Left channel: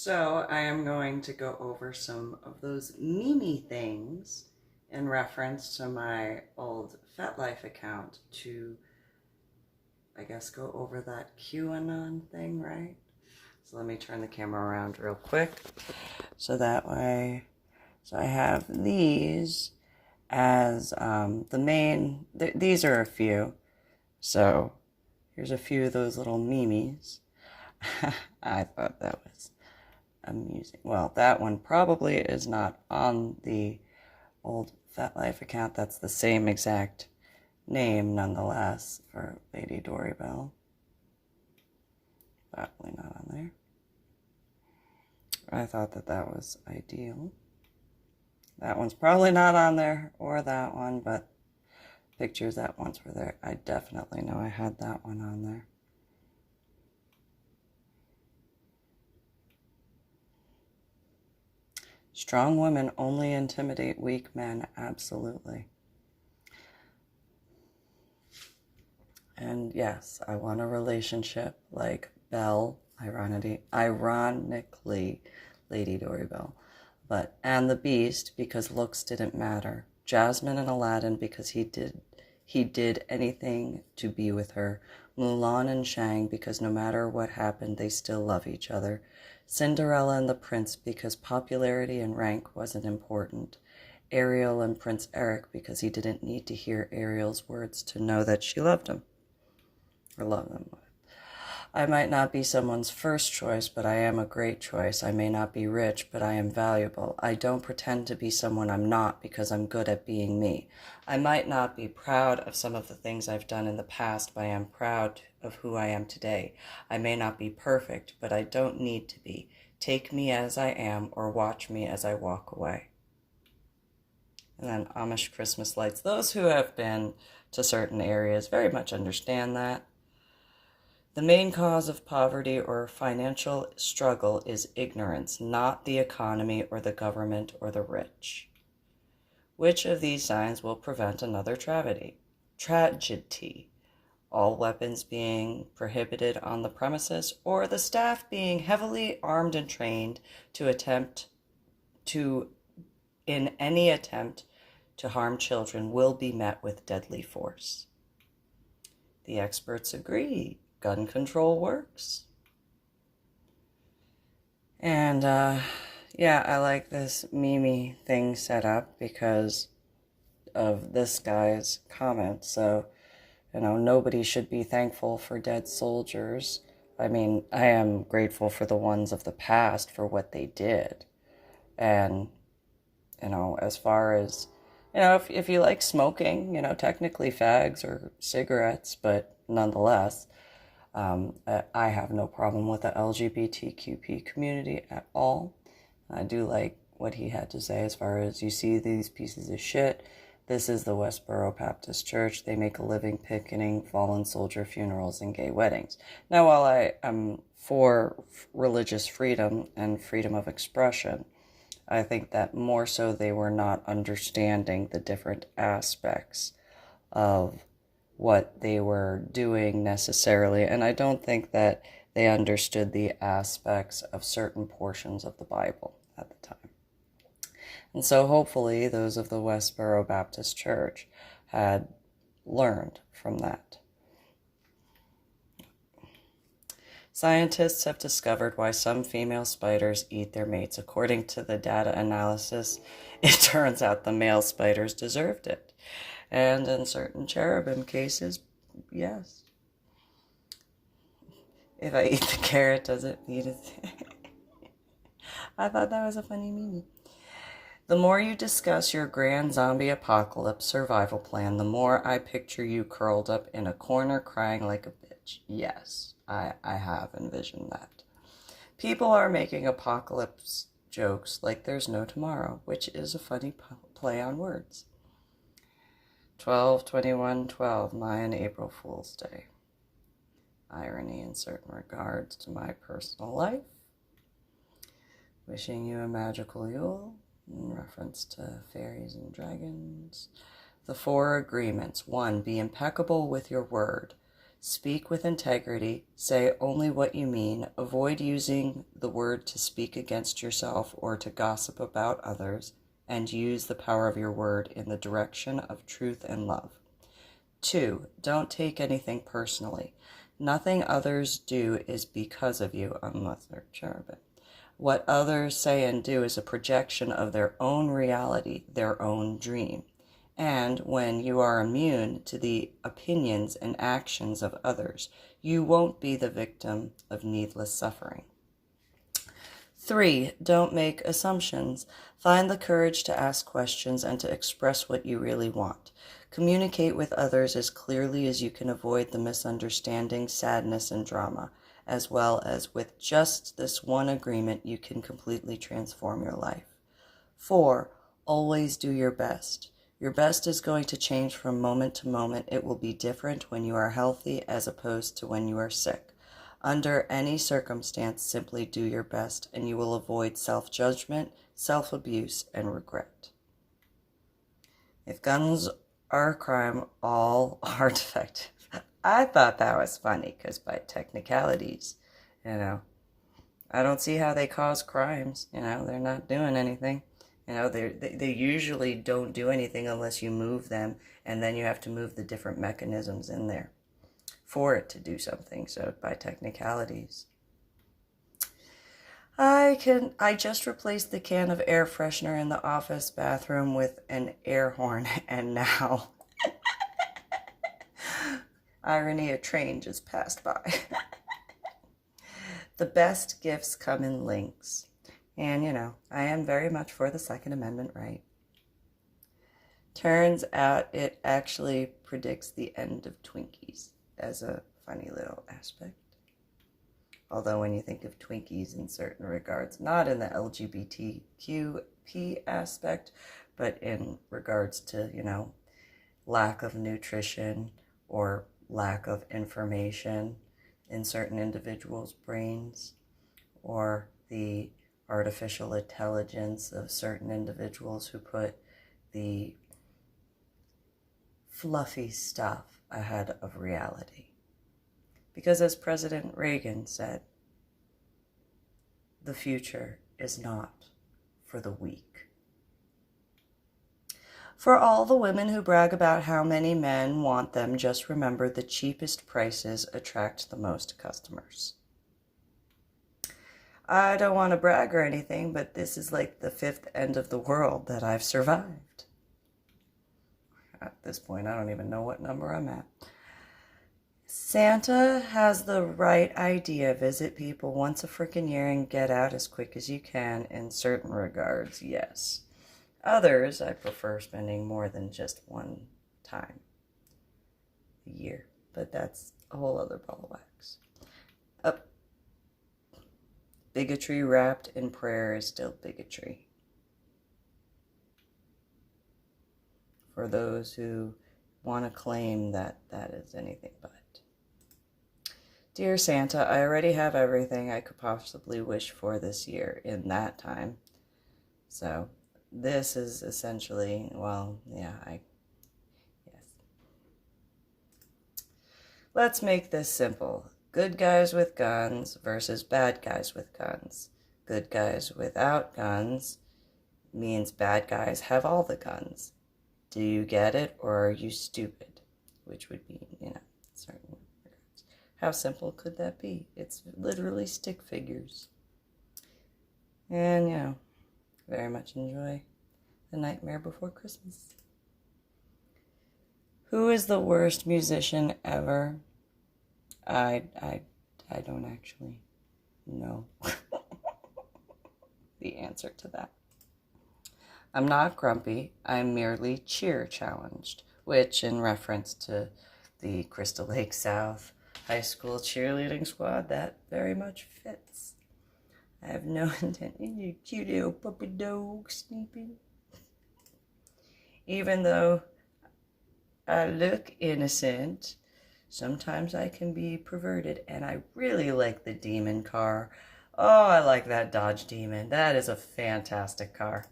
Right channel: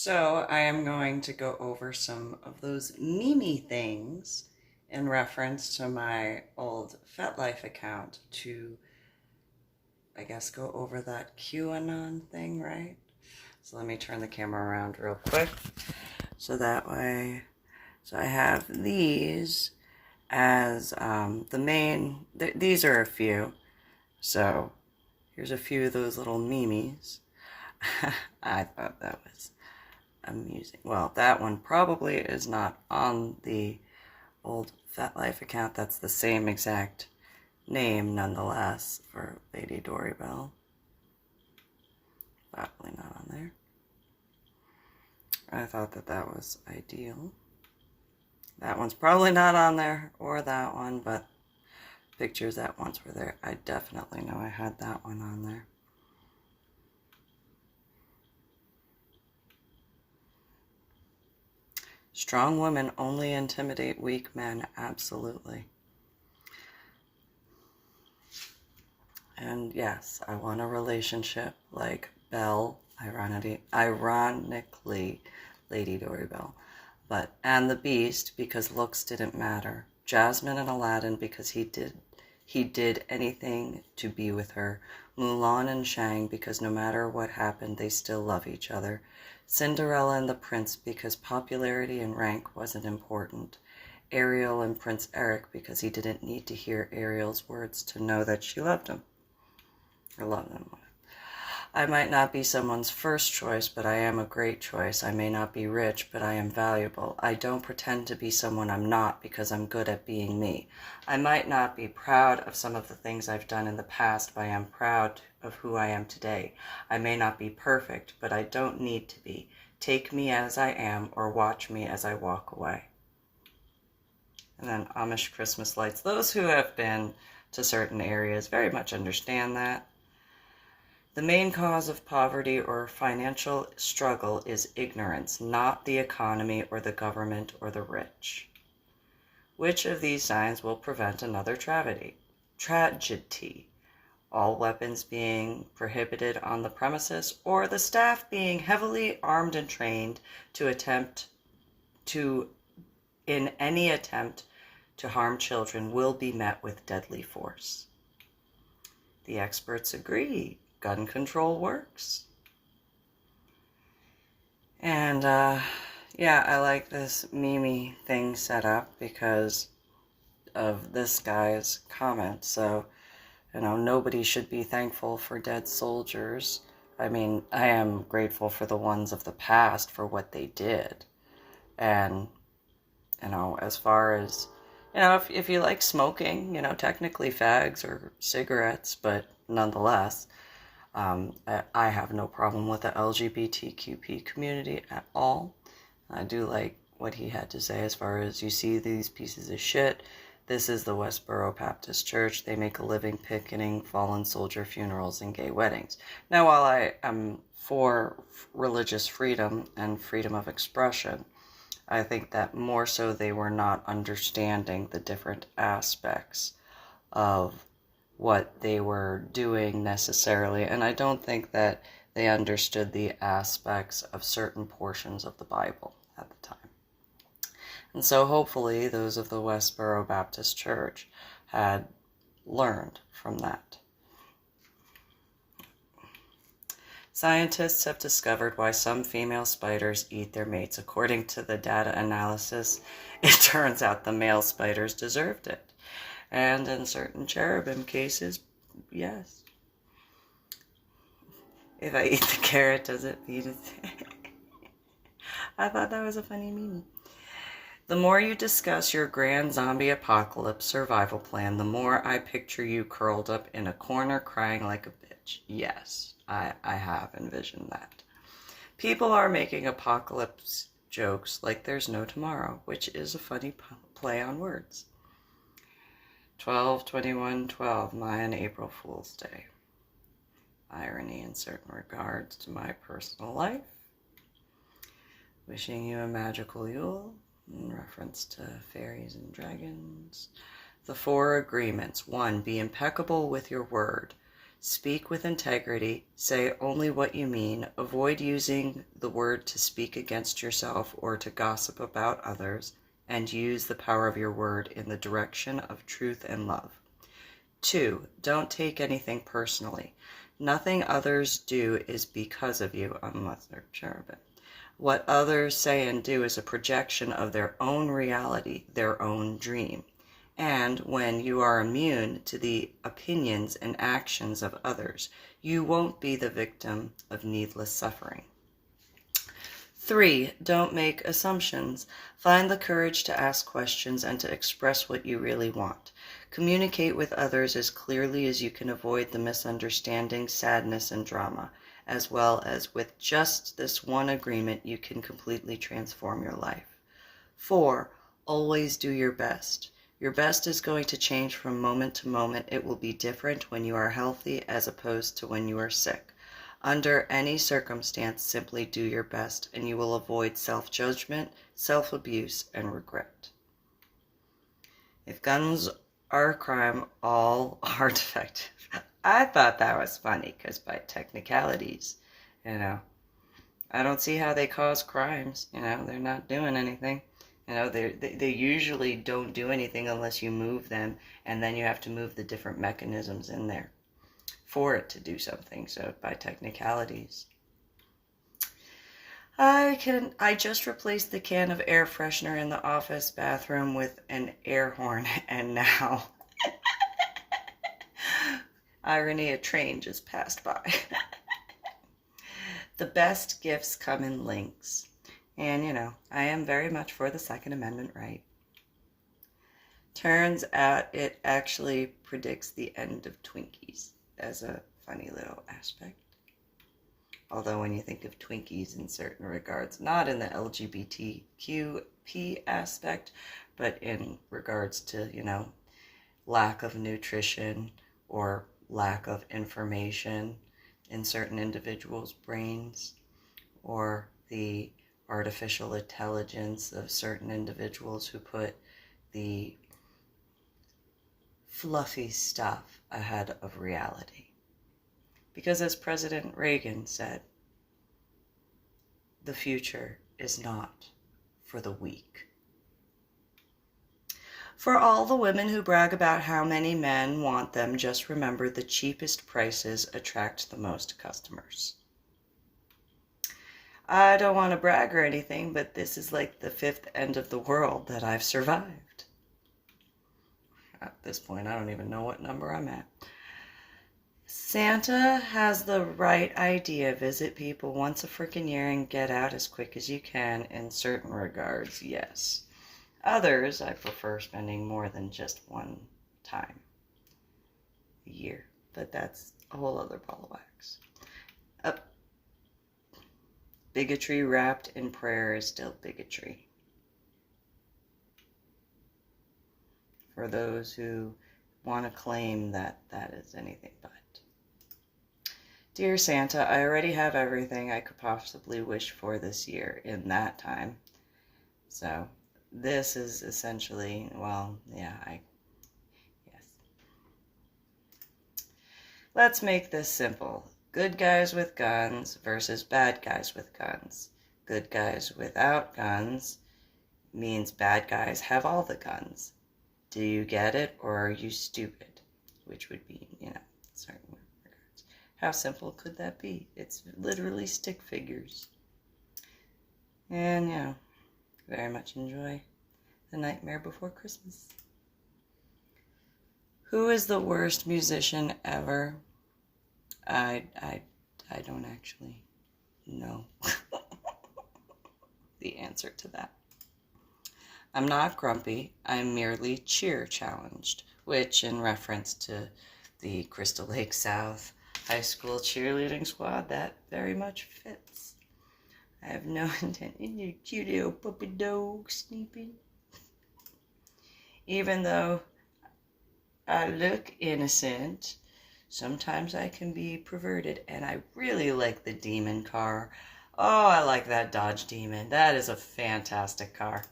So I am going to go over some of those Mimi things in reference to my old FetLife account to, I guess, go over that QAnon thing, right? So let me turn the camera around real quick. So that way, so I have these as the main, these are a few. So here's a few of those little memes. I thought that was amusing. Well, that one probably is not on the old FetLife account. That's the same exact name, nonetheless, for Lady Dori Belle. Probably not on there. I thought that that was ideal. That one's probably not on there, or that one, but pictures that once were there. I definitely know I had that one on there. Strong women only intimidate weak men, absolutely. And yes, I want a relationship like Belle, ironically, Lady Dori Belle, and the Beast because looks didn't matter. Jasmine and Aladdin because he did anything to be with her. Mulan and Shang because no matter what happened, they still love each other. Cinderella and the Prince because popularity and rank wasn't important. Ariel and Prince Eric because he didn't need to hear Ariel's words to know that she loved him. Or loved him. I might not be someone's first choice, but I am a great choice. I may not be rich, but I am valuable. I don't pretend to be someone I'm not because I'm good at being me. I might not be proud of some of the things I've done in the past, but I am proud of who I am today. I may not be perfect, but I don't need to be. Take me as I am or watch me as I walk away. And then Amish Christmas lights. Those who have been to certain areas very much understand that. The main cause of poverty or financial struggle is ignorance, not the economy or the government or the rich. Which of these signs will prevent another tragedy? All weapons being prohibited on the premises, or the staff being heavily armed and trained in any attempt to harm children will be met with deadly force. The experts agree. Gun control works. And yeah, I like this Mimi thing set up because of this guy's comment. So, nobody should be thankful for dead soldiers. I mean, I am grateful for the ones of the past for what they did. And, as far as, if you like smoking, technically fags or cigarettes, but nonetheless, I have no problem with the LGBTQP community at all. I do like what he had to say as far as you see these pieces of shit. This is the Westboro Baptist Church. They make a living picketing fallen soldier funerals and gay weddings. Now, while I am for religious freedom and freedom of expression, I think that more so they were not understanding the different aspects of what they were doing necessarily, and I don't think that they understood the aspects of certain portions of the Bible at the time. And so hopefully those of the Westboro Baptist Church had learned from that. Scientists have discovered why some female spiders eat their mates. According to the data analysis, it turns out the male spiders deserved it. And in certain cherubim cases, yes. If I eat the carrot, does it feed it? I thought that was a funny meme. The more you discuss your grand zombie apocalypse survival plan, the more I picture you curled up in a corner crying like a bitch. Yes, I have envisioned that. People are making apocalypse jokes like there's no tomorrow, which is a funny play on words. 12/21/12, Mayan April Fool's Day. Irony in certain regards to my personal life. Wishing you a magical Yule, in reference to fairies and dragons. The 4 agreements. 1. Be impeccable with your word. Speak with integrity, say only what you mean, avoid using the word to speak against yourself or to gossip about others, and use the power of your word in the direction of truth and love. 2. Don't take anything personally. Nothing others do is because of you, unless they're sure of it. What others say and do is a projection of their own reality, their own dream. And when you are immune to the opinions and actions of others, you won't be the victim of needless suffering. 3. Don't make assumptions. Find the courage to ask questions and to express what you really want. Communicate with others as clearly as you can avoid the misunderstanding, sadness, and drama, as well as with just this one agreement you can completely transform your life. 4. Always do your best. Your best is going to change from moment to moment. It will be different when you are healthy as opposed to when you are sick. Under any circumstance, simply do your best, and you will avoid self-judgment, self-abuse, and regret. If guns are a crime, all are defective. I thought that was funny because by technicalities, I don't see how they cause crimes. They're not doing anything. They usually don't do anything unless you move them, and then you have to move the different mechanisms in there for it to do something. So by technicalities. I just replaced the can of air freshener in the office bathroom with an air horn, and now, irony, a train just passed by. The best gifts come in links. And, I am very much for the Second Amendment right. Turns out it actually predicts the end of Twinkies as a funny little aspect. Although when you think of Twinkies in certain regards, not in the LGBTQP aspect, but in regards to, lack of nutrition or lack of information in certain individuals' brains, or the artificial intelligence of certain individuals who put the fluffy stuff ahead of reality. Because as President Reagan said, the future is not for the weak. For all the women who brag about how many men want them, just remember the cheapest prices attract the most customers. I don't want to brag or anything, but this is like the 5th end of the world that I've survived. At this point, I don't even know what number I'm at. Santa has the right idea. Visit people once a freaking year and get out as quick as you can. In certain regards, yes. Others, I prefer spending more than just one time a year. But that's a whole other ball of wax. Bigotry wrapped in prayer is still bigotry. For those who want to claim that that is anything but. Dear Santa, I already have everything I could possibly wish for this year in that time. So this is essentially, yes. Let's make this simple. Good guys with guns versus bad guys with guns. Good guys without guns means bad guys have all the guns. Do you get it, or are you stupid? Which would be, certain regards. How simple could that be? It's literally stick figures. And, very much enjoy The Nightmare Before Christmas. Who is the worst musician ever? I don't actually know the answer to that. I'm not grumpy. I'm merely cheer challenged, which in reference to the Crystal Lake South High School cheerleading squad, that very much fits. I have no intention. You cute little puppy dog sleeping. Even though I look innocent, sometimes I can be perverted, and I really like the demon car. Oh, I like that Dodge Demon. That is a fantastic car.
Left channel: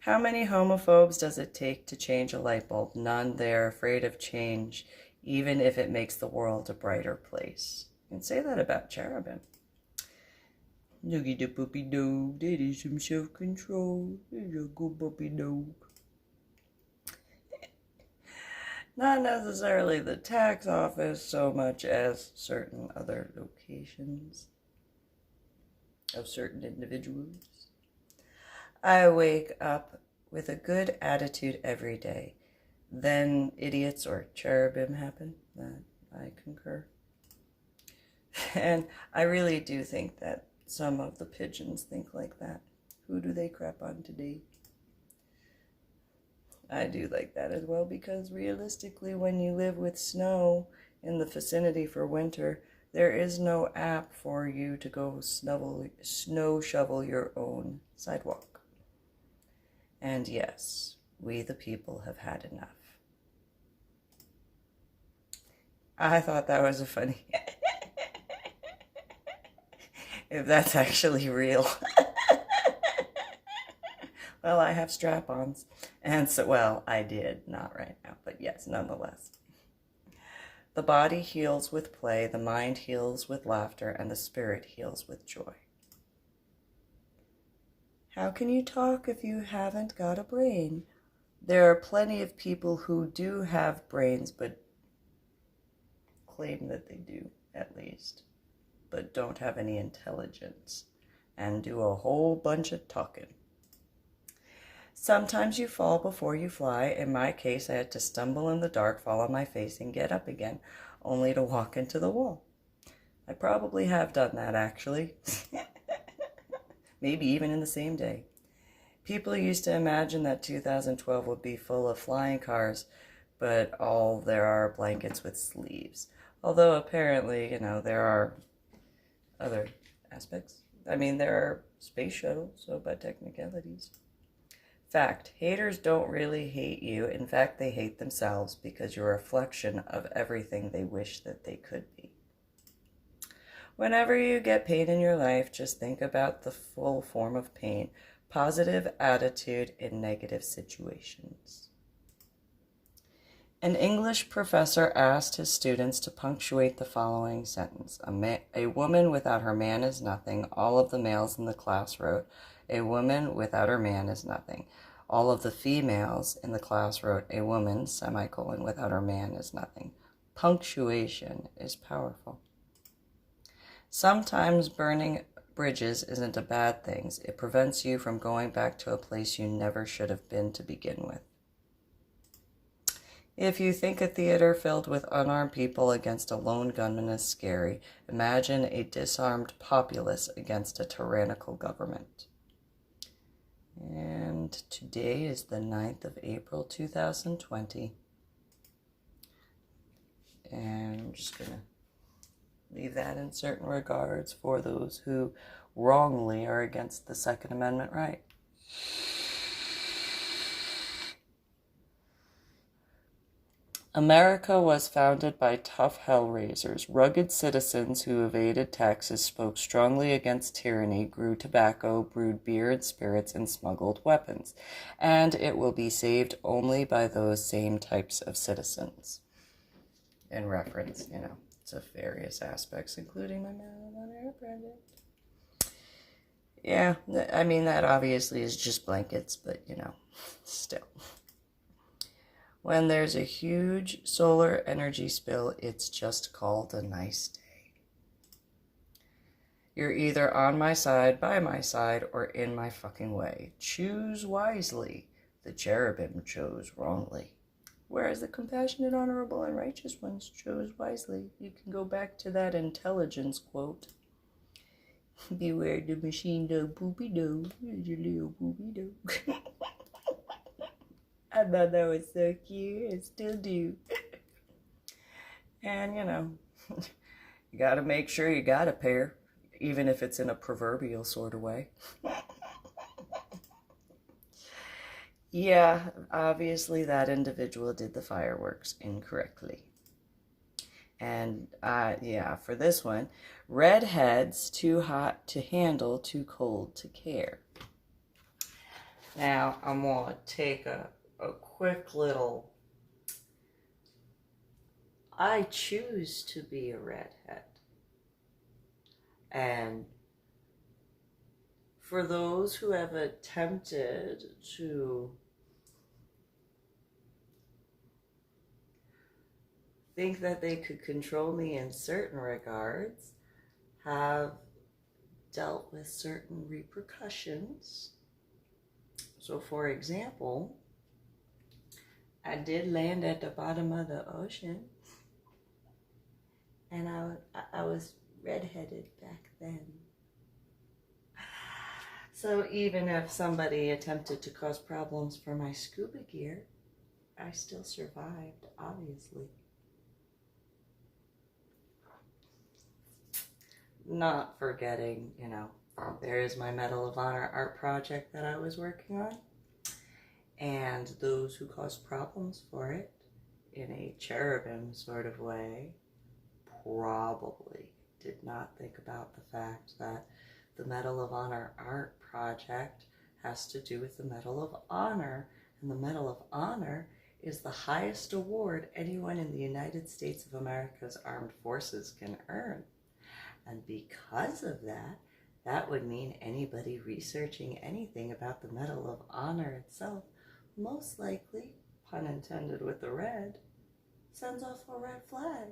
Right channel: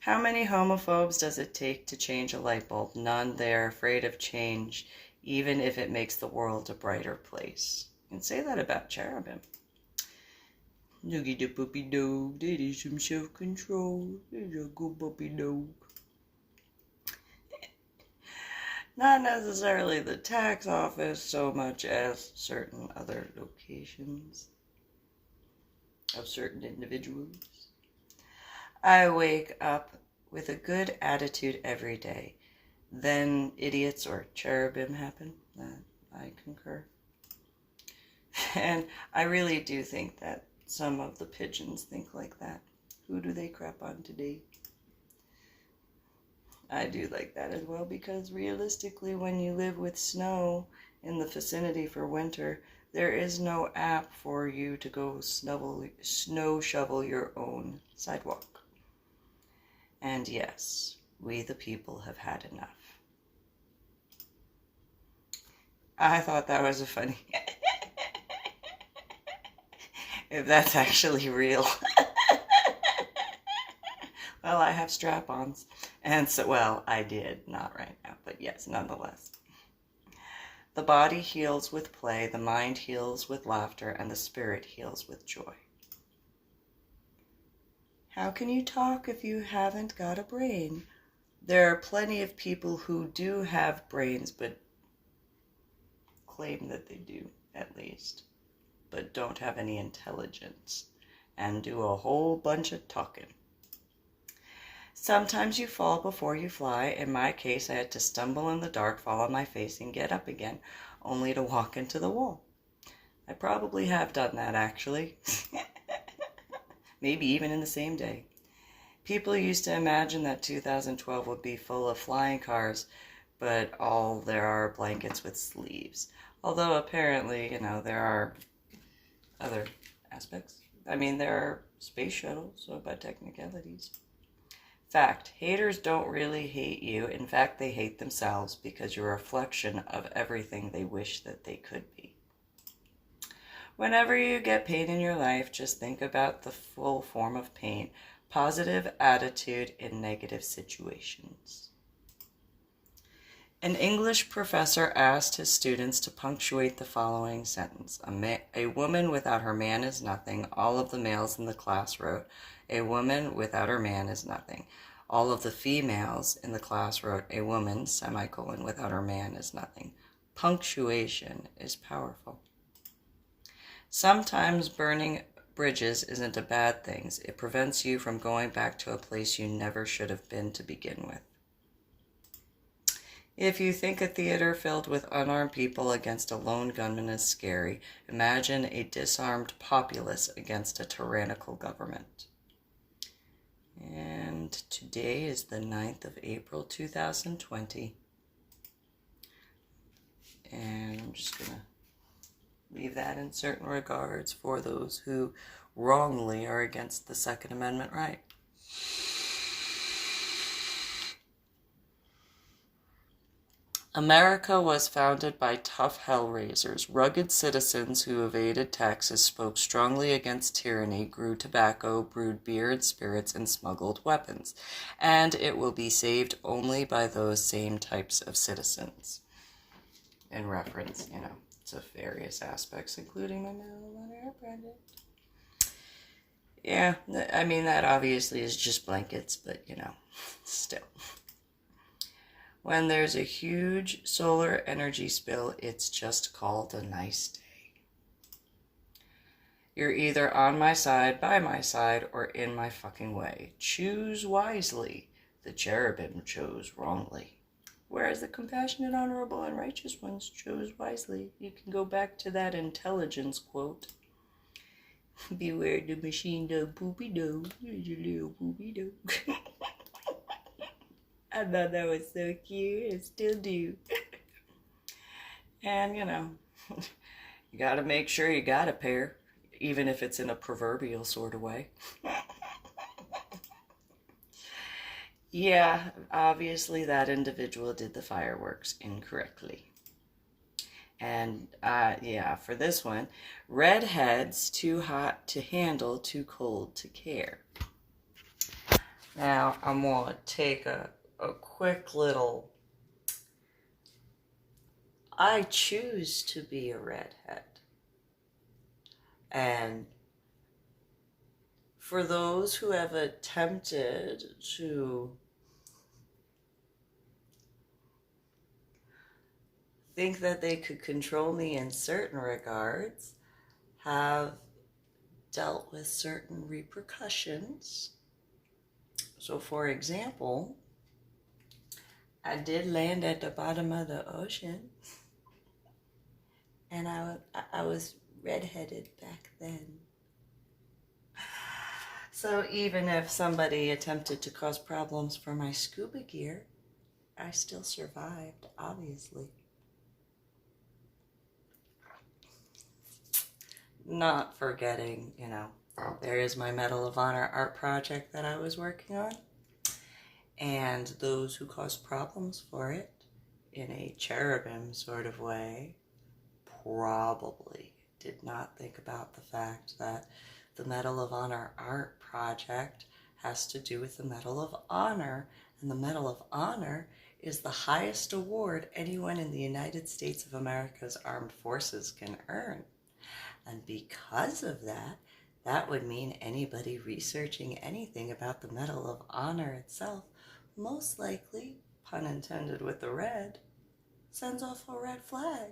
How many homophobes does it take to change a light bulb? None. They are afraid of change. even if it makes the world a brighter place. You can say that about cherubim. Noogie the puppy dog, that is some self-control. There's a good puppy dog. Not necessarily the tax office so much as certain other locations of certain individuals. I wake up with a good attitude every day. Then idiots or cherubim happen. That I concur. And I really do think that some of the pigeons think like that. Who do they crap on today? I do like that as well, because realistically, when you live with snow in the vicinity for winter, there is no app for you to go snow shovel your own sidewalk. And yes, we the people have had enough. I thought that was a funny... if that's actually real. Well, I have strap-ons. And so, well, I did. Not right now, but yes, nonetheless. The body heals with play, the mind heals with laughter, and the spirit heals with joy. How can you talk if you haven't got a brain? There are plenty of people who do have brains, but claim that they do, at least, but don't have any intelligence, and do a whole bunch of talking. Sometimes you fall before you fly. In my case, I had to stumble in the dark, fall on my face, and get up again, only to walk into the wall. I probably have done that, actually. Maybe even in the same day. People used to imagine that 2012 would be full of flying cars, but all there are blankets with sleeves. Although apparently, there are other aspects. I mean, there are space shuttles, so by technicalities. Fact, haters don't really hate you. In fact, they hate themselves because you're a reflection of everything they wish that they could be. Whenever you get pain in your life, just think about the full form of pain, positive attitude in negative situations. An English professor asked his students to punctuate the following sentence. A woman without her man is nothing. All of the males in the class wrote, a woman without her man is nothing. All of the females in the class wrote, a woman, semicolon, without her man is nothing. Punctuation is powerful. Sometimes burning bridges isn't a bad thing. It prevents you from going back to a place you never should have been to begin with. If you think a theater filled with unarmed people against a lone gunman is scary, imagine a disarmed populace against a tyrannical government. And today is the 9th of April, 2020. And I'm just going to leave that in certain regards for those who wrongly are against the Second Amendment right. America was founded by tough hellraisers. Rugged citizens who evaded taxes, spoke strongly against tyranny, grew tobacco, brewed beer and spirits, and smuggled weapons. And it will be saved only by those same types of citizens. In reference, to various aspects, including my marijuana project. Yeah, I mean, that obviously is just blankets, but, still. When there's a huge solar energy spill, it's just called a nice day. You're either on my side, by my side, or in my fucking way. Choose wisely. The cherubim chose wrongly. Whereas the compassionate, honorable, and righteous ones chose wisely. You can go back to that intelligence quote. Beware the machine dog, poopy dog. There's your little poopy dog. I thought that was so cute. I still do. And, you got to make sure you got a pair, even if it's in a proverbial sort of way. Yeah, obviously that individual did the fireworks incorrectly. And, for this one, redheads, too hot to handle, too cold to care. Now, I'm going to take a quick little, I choose to be a redhead. And for those who have attempted to think that they could control me in certain regards, have dealt with certain repercussions. So, for example, I did land at the bottom of the ocean, and I was redheaded back then. So even if somebody attempted to cause problems for my scuba gear, I still survived, obviously. Not forgetting, there is my Medal of Honor art project that I was working on. And those who caused problems for it in a cherubim sort of way probably did not think about the fact that the Medal of Honor art project has to do with the Medal of Honor. And the Medal of Honor is the highest award anyone in the United States of America's armed forces can earn. And because of that, that would mean anybody researching anything about the Medal of Honor itself, most likely, pun intended with the red, sends off a red flag.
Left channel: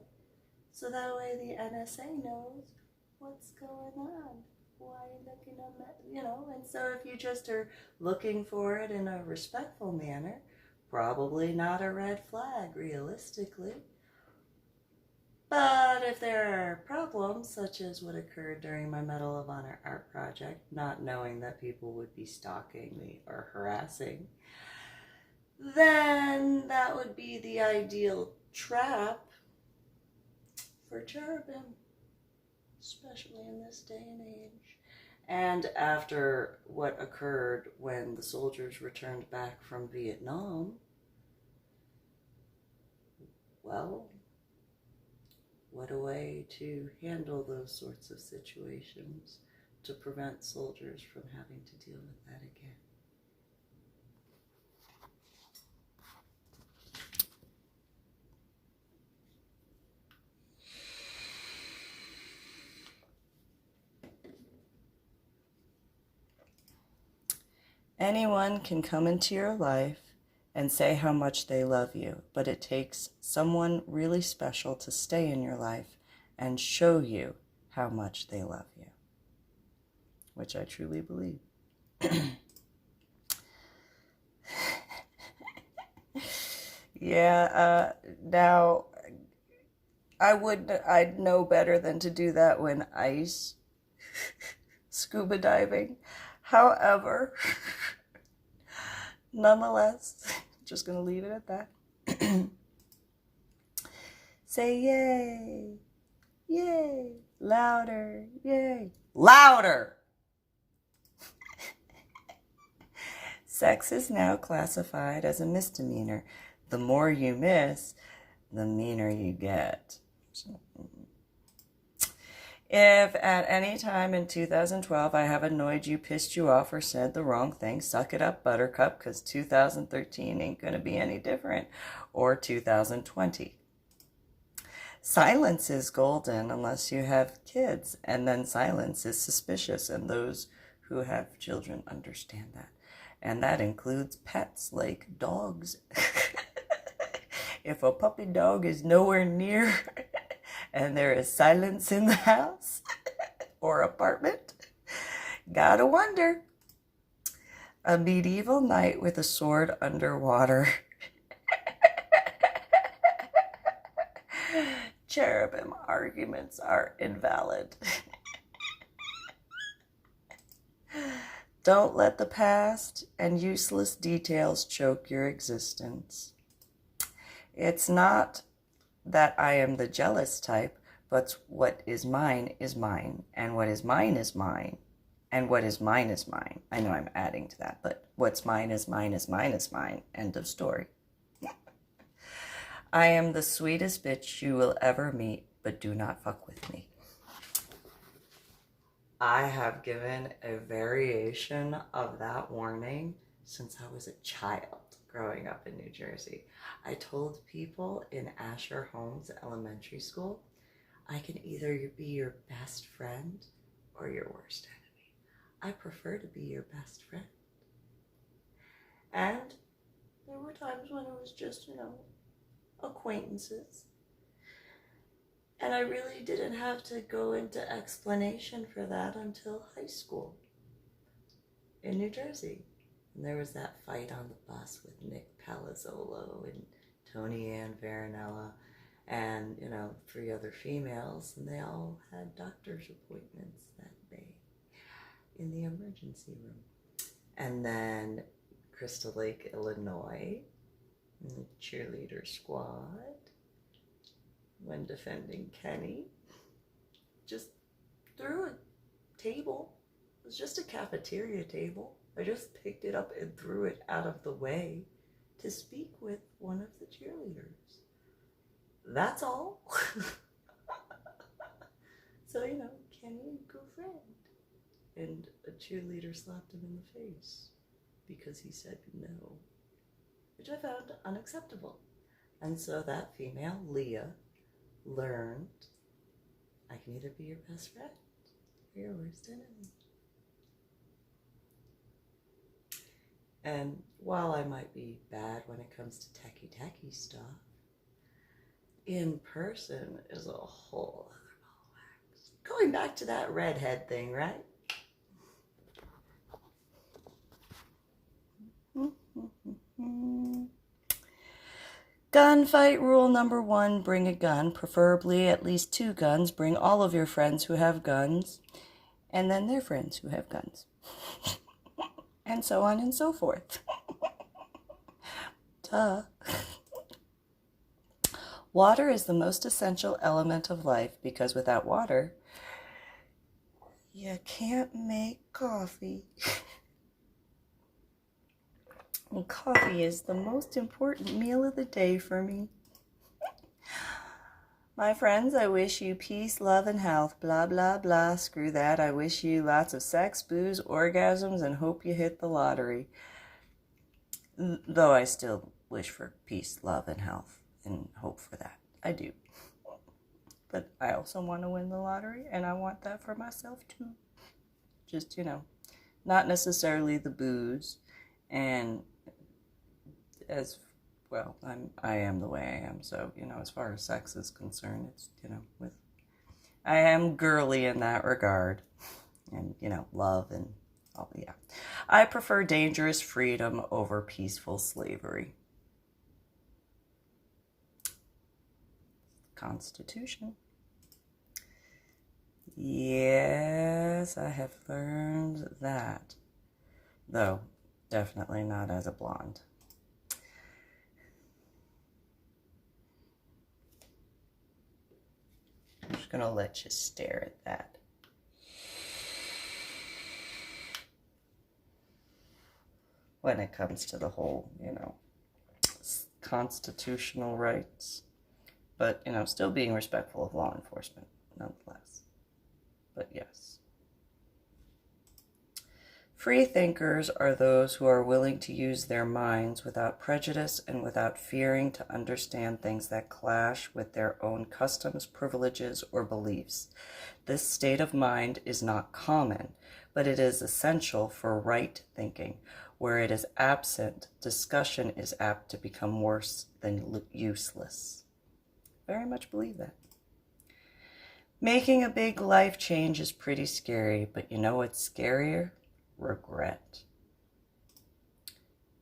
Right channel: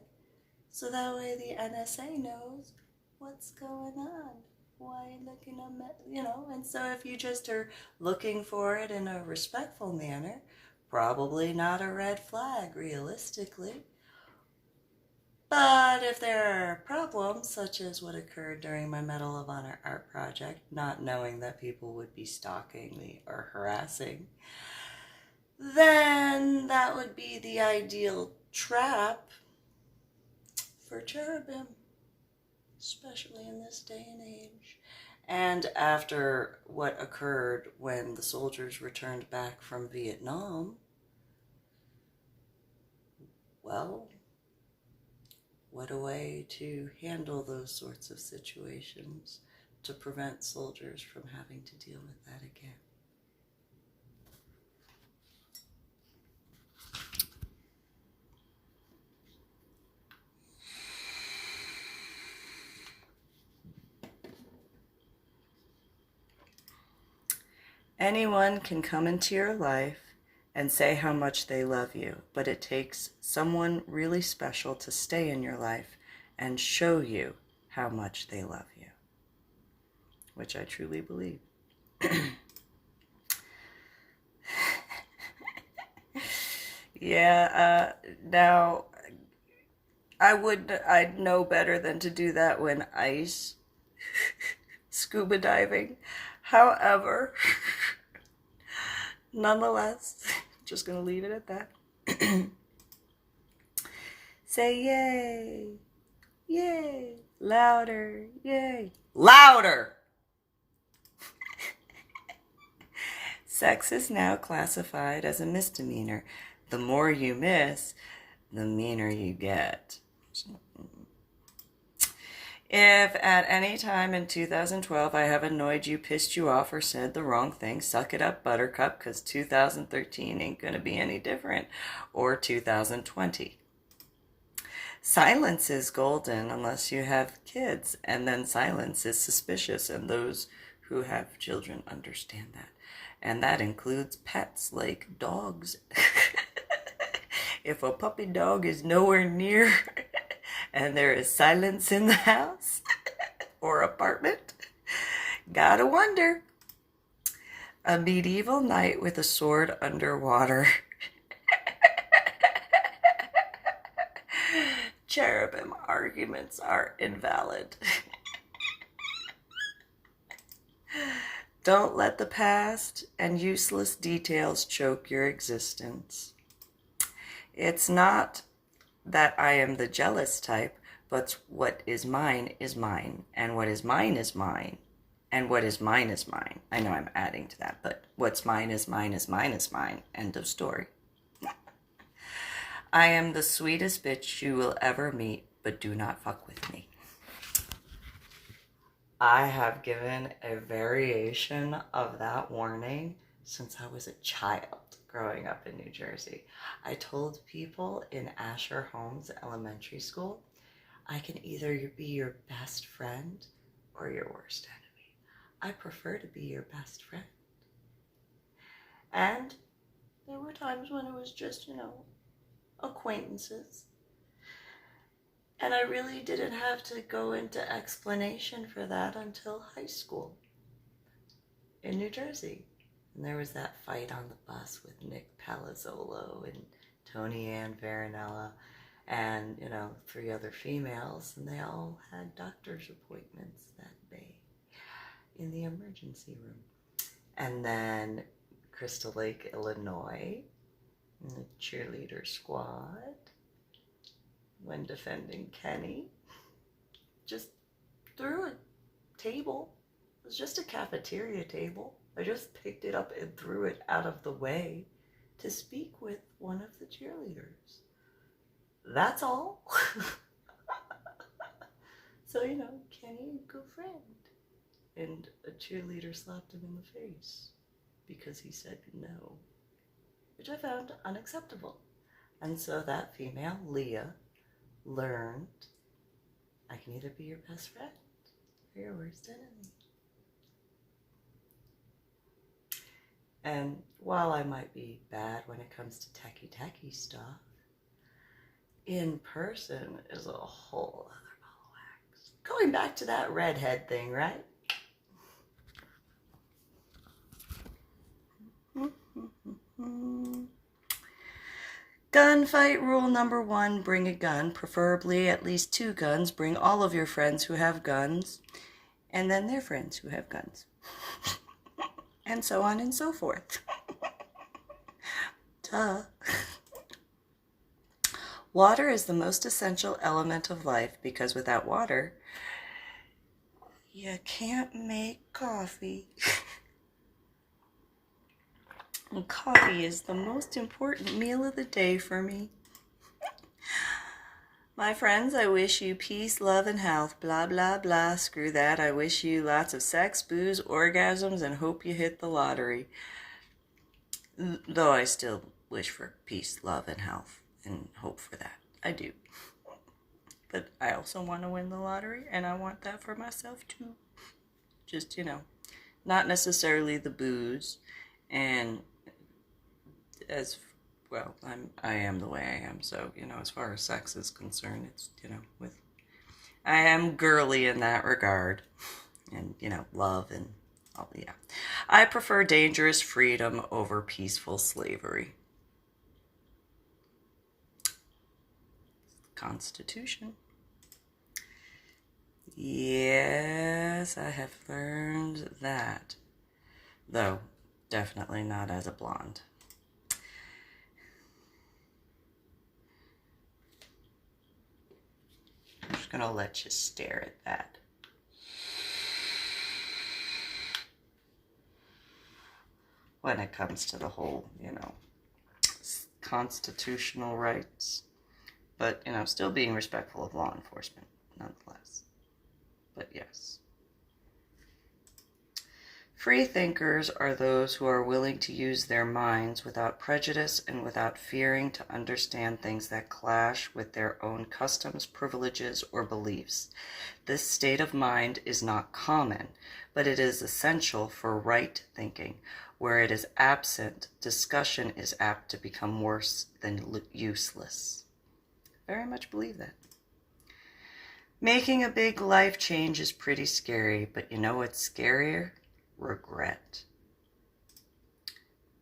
So that way the NSA knows what's going on. Why are you looking at, and so if you just are looking for it in a respectful manner, probably not a red flag, realistically. But if there are problems, such as what occurred during my Medal of Honor art project, not knowing that people would be stalking me or harassing, then that would be the ideal trap for cherubim, especially in this day and age. And after what occurred when the soldiers returned back from Vietnam, well, what a way to handle those sorts of situations to prevent soldiers from having to deal with that again. Anyone can come into your life and say how much they love you, but it takes someone really special to stay in your life and show you how much they love you, which I truly believe. Yeah, now I'd know better than to do that when ice scuba diving. However, nonetheless, just gonna leave it at that. Say yay, yay, louder, yay, louder. Sex is now classified as a misdemeanor. The more you miss, the meaner you get. If at any time in 2012 I have annoyed you, pissed you off, or said the wrong thing, suck it up, buttercup, because 2013 ain't going to be any different, or 2020. Silence is golden unless you have kids, and then silence is suspicious, and those who have children understand that. And that includes pets like dogs. If a puppy dog is nowhere near and there is silence in the house or apartment, gotta wonder. A medieval knight with a sword underwater. Cherubim arguments are invalid. Don't let the past and useless details choke your existence. It's not that I am the jealous type, but what is mine, and what is mine is mine, and what is mine is mine. I know I'm adding to that, but what's mine is mine is mine is mine. End of story. I am the sweetest bitch you will ever meet, but do not fuck with me. I have given a variation of that warning since I was a child. growing up in New Jersey. I told people in Asher Holmes Elementary School, I can either be your best friend or your worst enemy. I prefer to be your best friend. And there were times when it was just, acquaintances. And I really didn't have to go into explanation for that until high school in New Jersey. And there was that fight on the bus with Nick Palazzolo and Tony Ann Veronella and, 3 other females, and they all had doctor's appointments that day in the emergency room. And then Crystal Lake, Illinois, in the cheerleader squad, when defending Kenny, just threw a table. It was just a cafeteria table. I just picked it up and threw it out of the way to speak with one of the cheerleaders. That's all. So, Kenny, good friend. And a cheerleader slapped him in the face because he said no, which I found unacceptable. And so that female, Leah, learned I can either be your best friend or your worst enemy. And while I might be bad when it comes to techie stuff, in person is a whole other ball of wax. Going back to that redhead thing, right? Gunfight rule number 1, bring a gun, preferably at least 2 guns. Bring all of your friends who have guns, and then their friends who have guns. And so on and so forth. Duh. Water is the most essential element of life because without water, you can't make coffee. And coffee is the most important meal of the day for me. My friends, I wish you peace, love, and health. Blah, blah, blah. Screw that. I wish you lots of sex, booze, orgasms, and hope you hit the lottery. Though I still wish for peace, love, and health, and hope for that. I do. But I also want to win the lottery, and I want that for myself, too. Just, not necessarily the booze, and as well, I am the way I am. So, as far as sex is concerned, it's, I am girly in that regard. And, love and all, yeah. I prefer dangerous freedom over peaceful slavery. Constitution. Yes, I have learned that. Though, definitely not as a blonde. I'm just going to let you stare at that. When it comes to the whole, constitutional rights. But, still being respectful of law enforcement, nonetheless. But yes. Free thinkers are those who are willing to use their minds without prejudice and without fearing to understand things that clash with their own customs, privileges, or beliefs. This state of mind is not common, but it is essential for right thinking. Where it is absent, discussion is apt to become worse than useless. Very much believe that. Making a big life change is pretty scary, but you know what's scarier? Regret.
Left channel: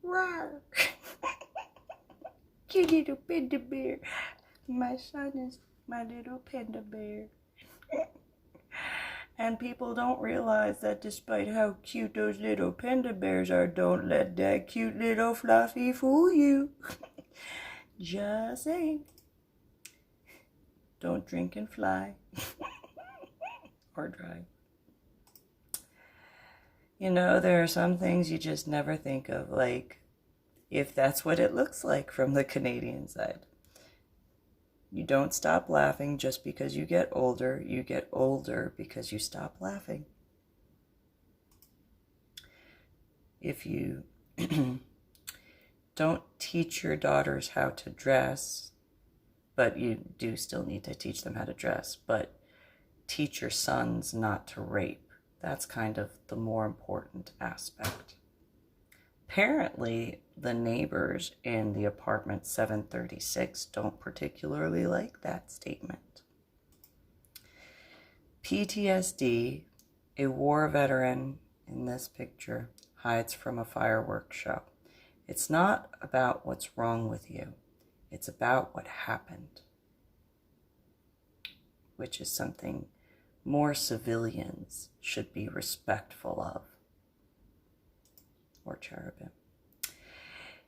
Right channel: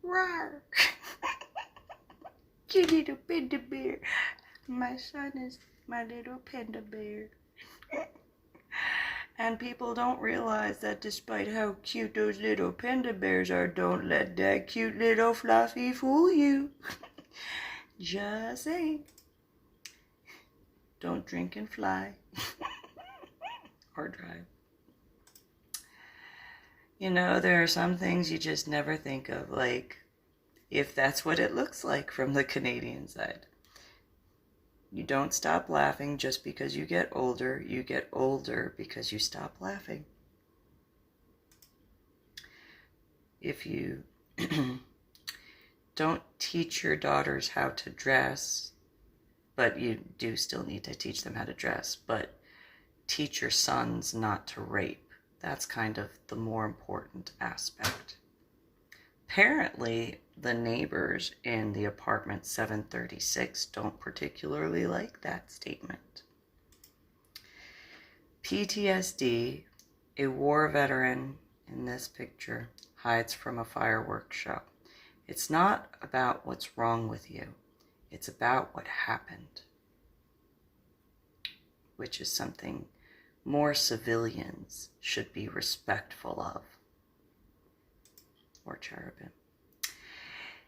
Roar! Cute little panda bear. My son is my little panda bear. And people don't realize that despite how cute those little panda bears are, don't let that cute little fluffy fool you. Just saying. Don't drink and fly. Or drive. There are some things you just never think of, like if that's what it looks like from the Canadian side. You don't stop laughing just because you get older. You get older because you stop laughing. If you don't teach your daughters how to dress, but you do still need to teach them how to dress, but teach your sons not to rape. That's kind of the more important aspect. Apparently, the neighbors in the apartment 736 don't particularly like that statement. PTSD, a war veteran in this picture, hides from a fireworks show. It's not about what's wrong with you. It's about what happened, which is something more civilians should be respectful of. Or cherubim.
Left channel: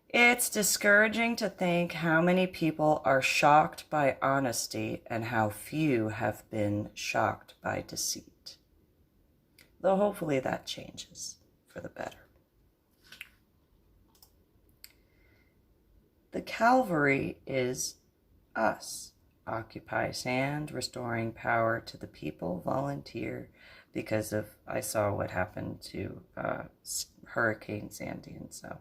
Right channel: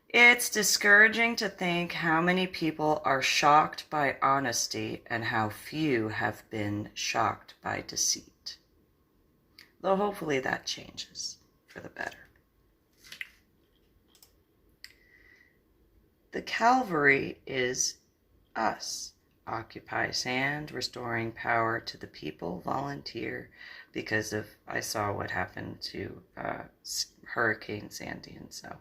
It's discouraging to think how many people are shocked by honesty and how few have been shocked by deceit. Though hopefully that changes for the better. The Calvary is us. Occupy sand, restoring power to the people, volunteer, because I saw what happened to Hurricane Sandy, and so.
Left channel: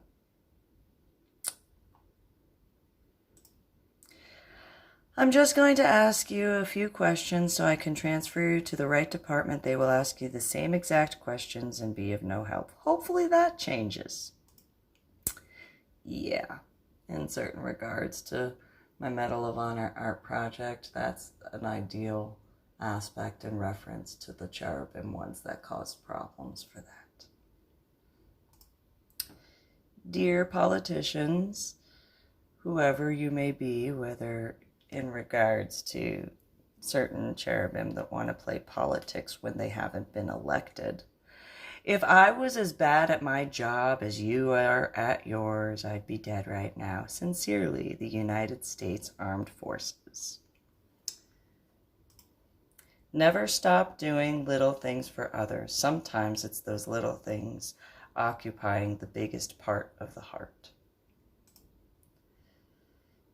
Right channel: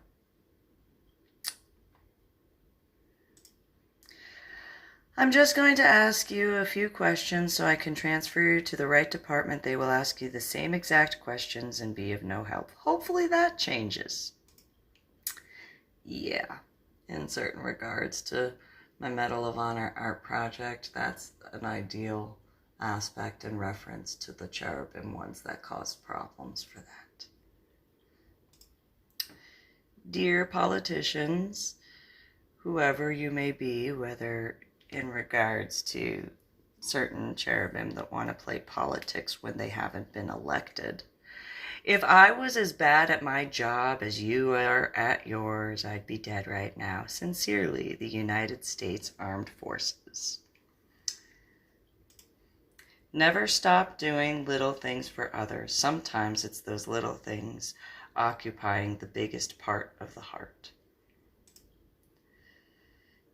I'm just going to ask you a few questions so I can transfer you to the right department. They will ask you the same exact questions and be of no help. Hopefully that changes. Yeah, in certain regards to my Medal of Honor art project, that's an ideal aspect in reference to the cherubim ones that caused problems for that. Dear politicians, whoever you may be, whether in regards to certain cherubim that want to play politics when they haven't been elected, if I was as bad at my job as you are at yours, I'd be dead right now. Sincerely, the United States Armed Forces. Never stop doing little things for others. Sometimes it's those little things occupying the biggest part of the heart.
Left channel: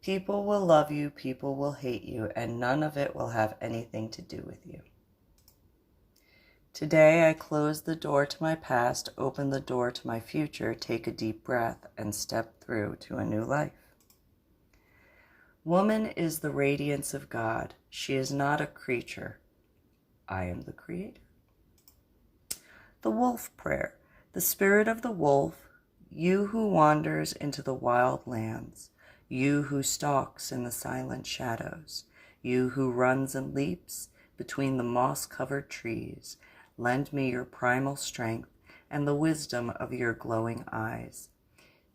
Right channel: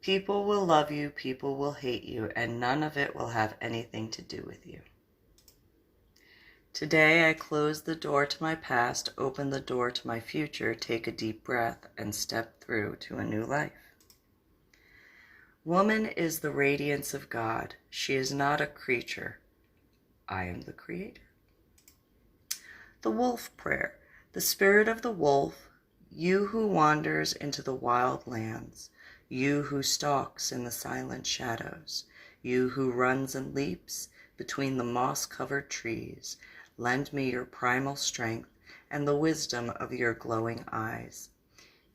People will love you, people will hate you, and none of it will have anything to do with you. Today I close the door to my past, open the door to my future, take a deep breath, and step through to a new life. Woman is the radiance of God. She is not a creature. I am the creator. The wolf prayer. The spirit of the wolf, you who wanders into the wild lands, you who stalks in the silent shadows, you who runs and leaps between the moss-covered trees, lend me your primal strength and the wisdom of your glowing eyes.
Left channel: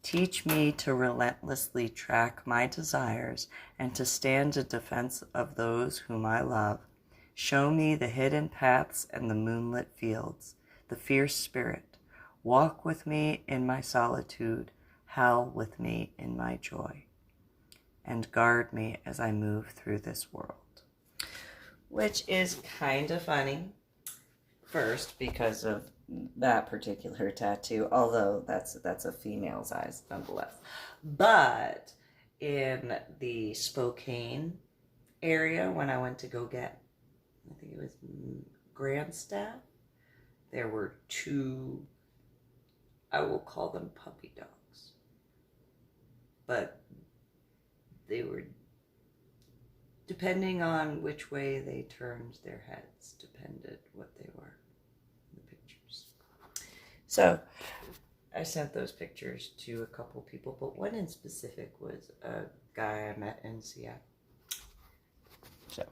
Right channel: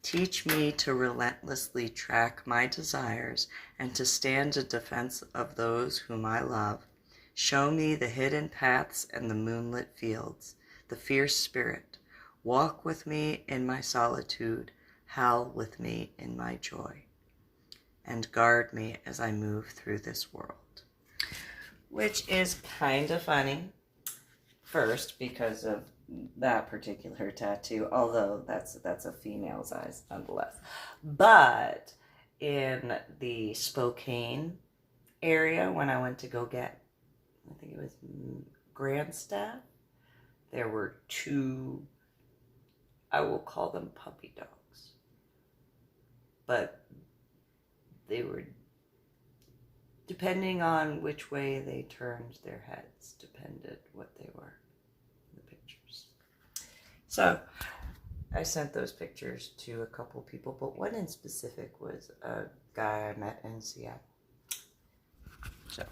Teach me to relentlessly track my desires and to stand in defense of those whom I love. Show me the hidden paths and the moonlit fields, the fierce spirit. Walk with me in my solitude, howl with me in my joy, and guard me as I move through this world. Which is kind of funny. First, because of that particular tattoo, although that's a female's eyes nonetheless. But in the Spokane area, when I went to go get, I think it was Grandstaff, there were two, I will call them puppy dogs, but they were, depending on which way they turned their heads, depended what they were. So I sent those pictures to a couple people, but one in specific was a guy I met in Seattle. So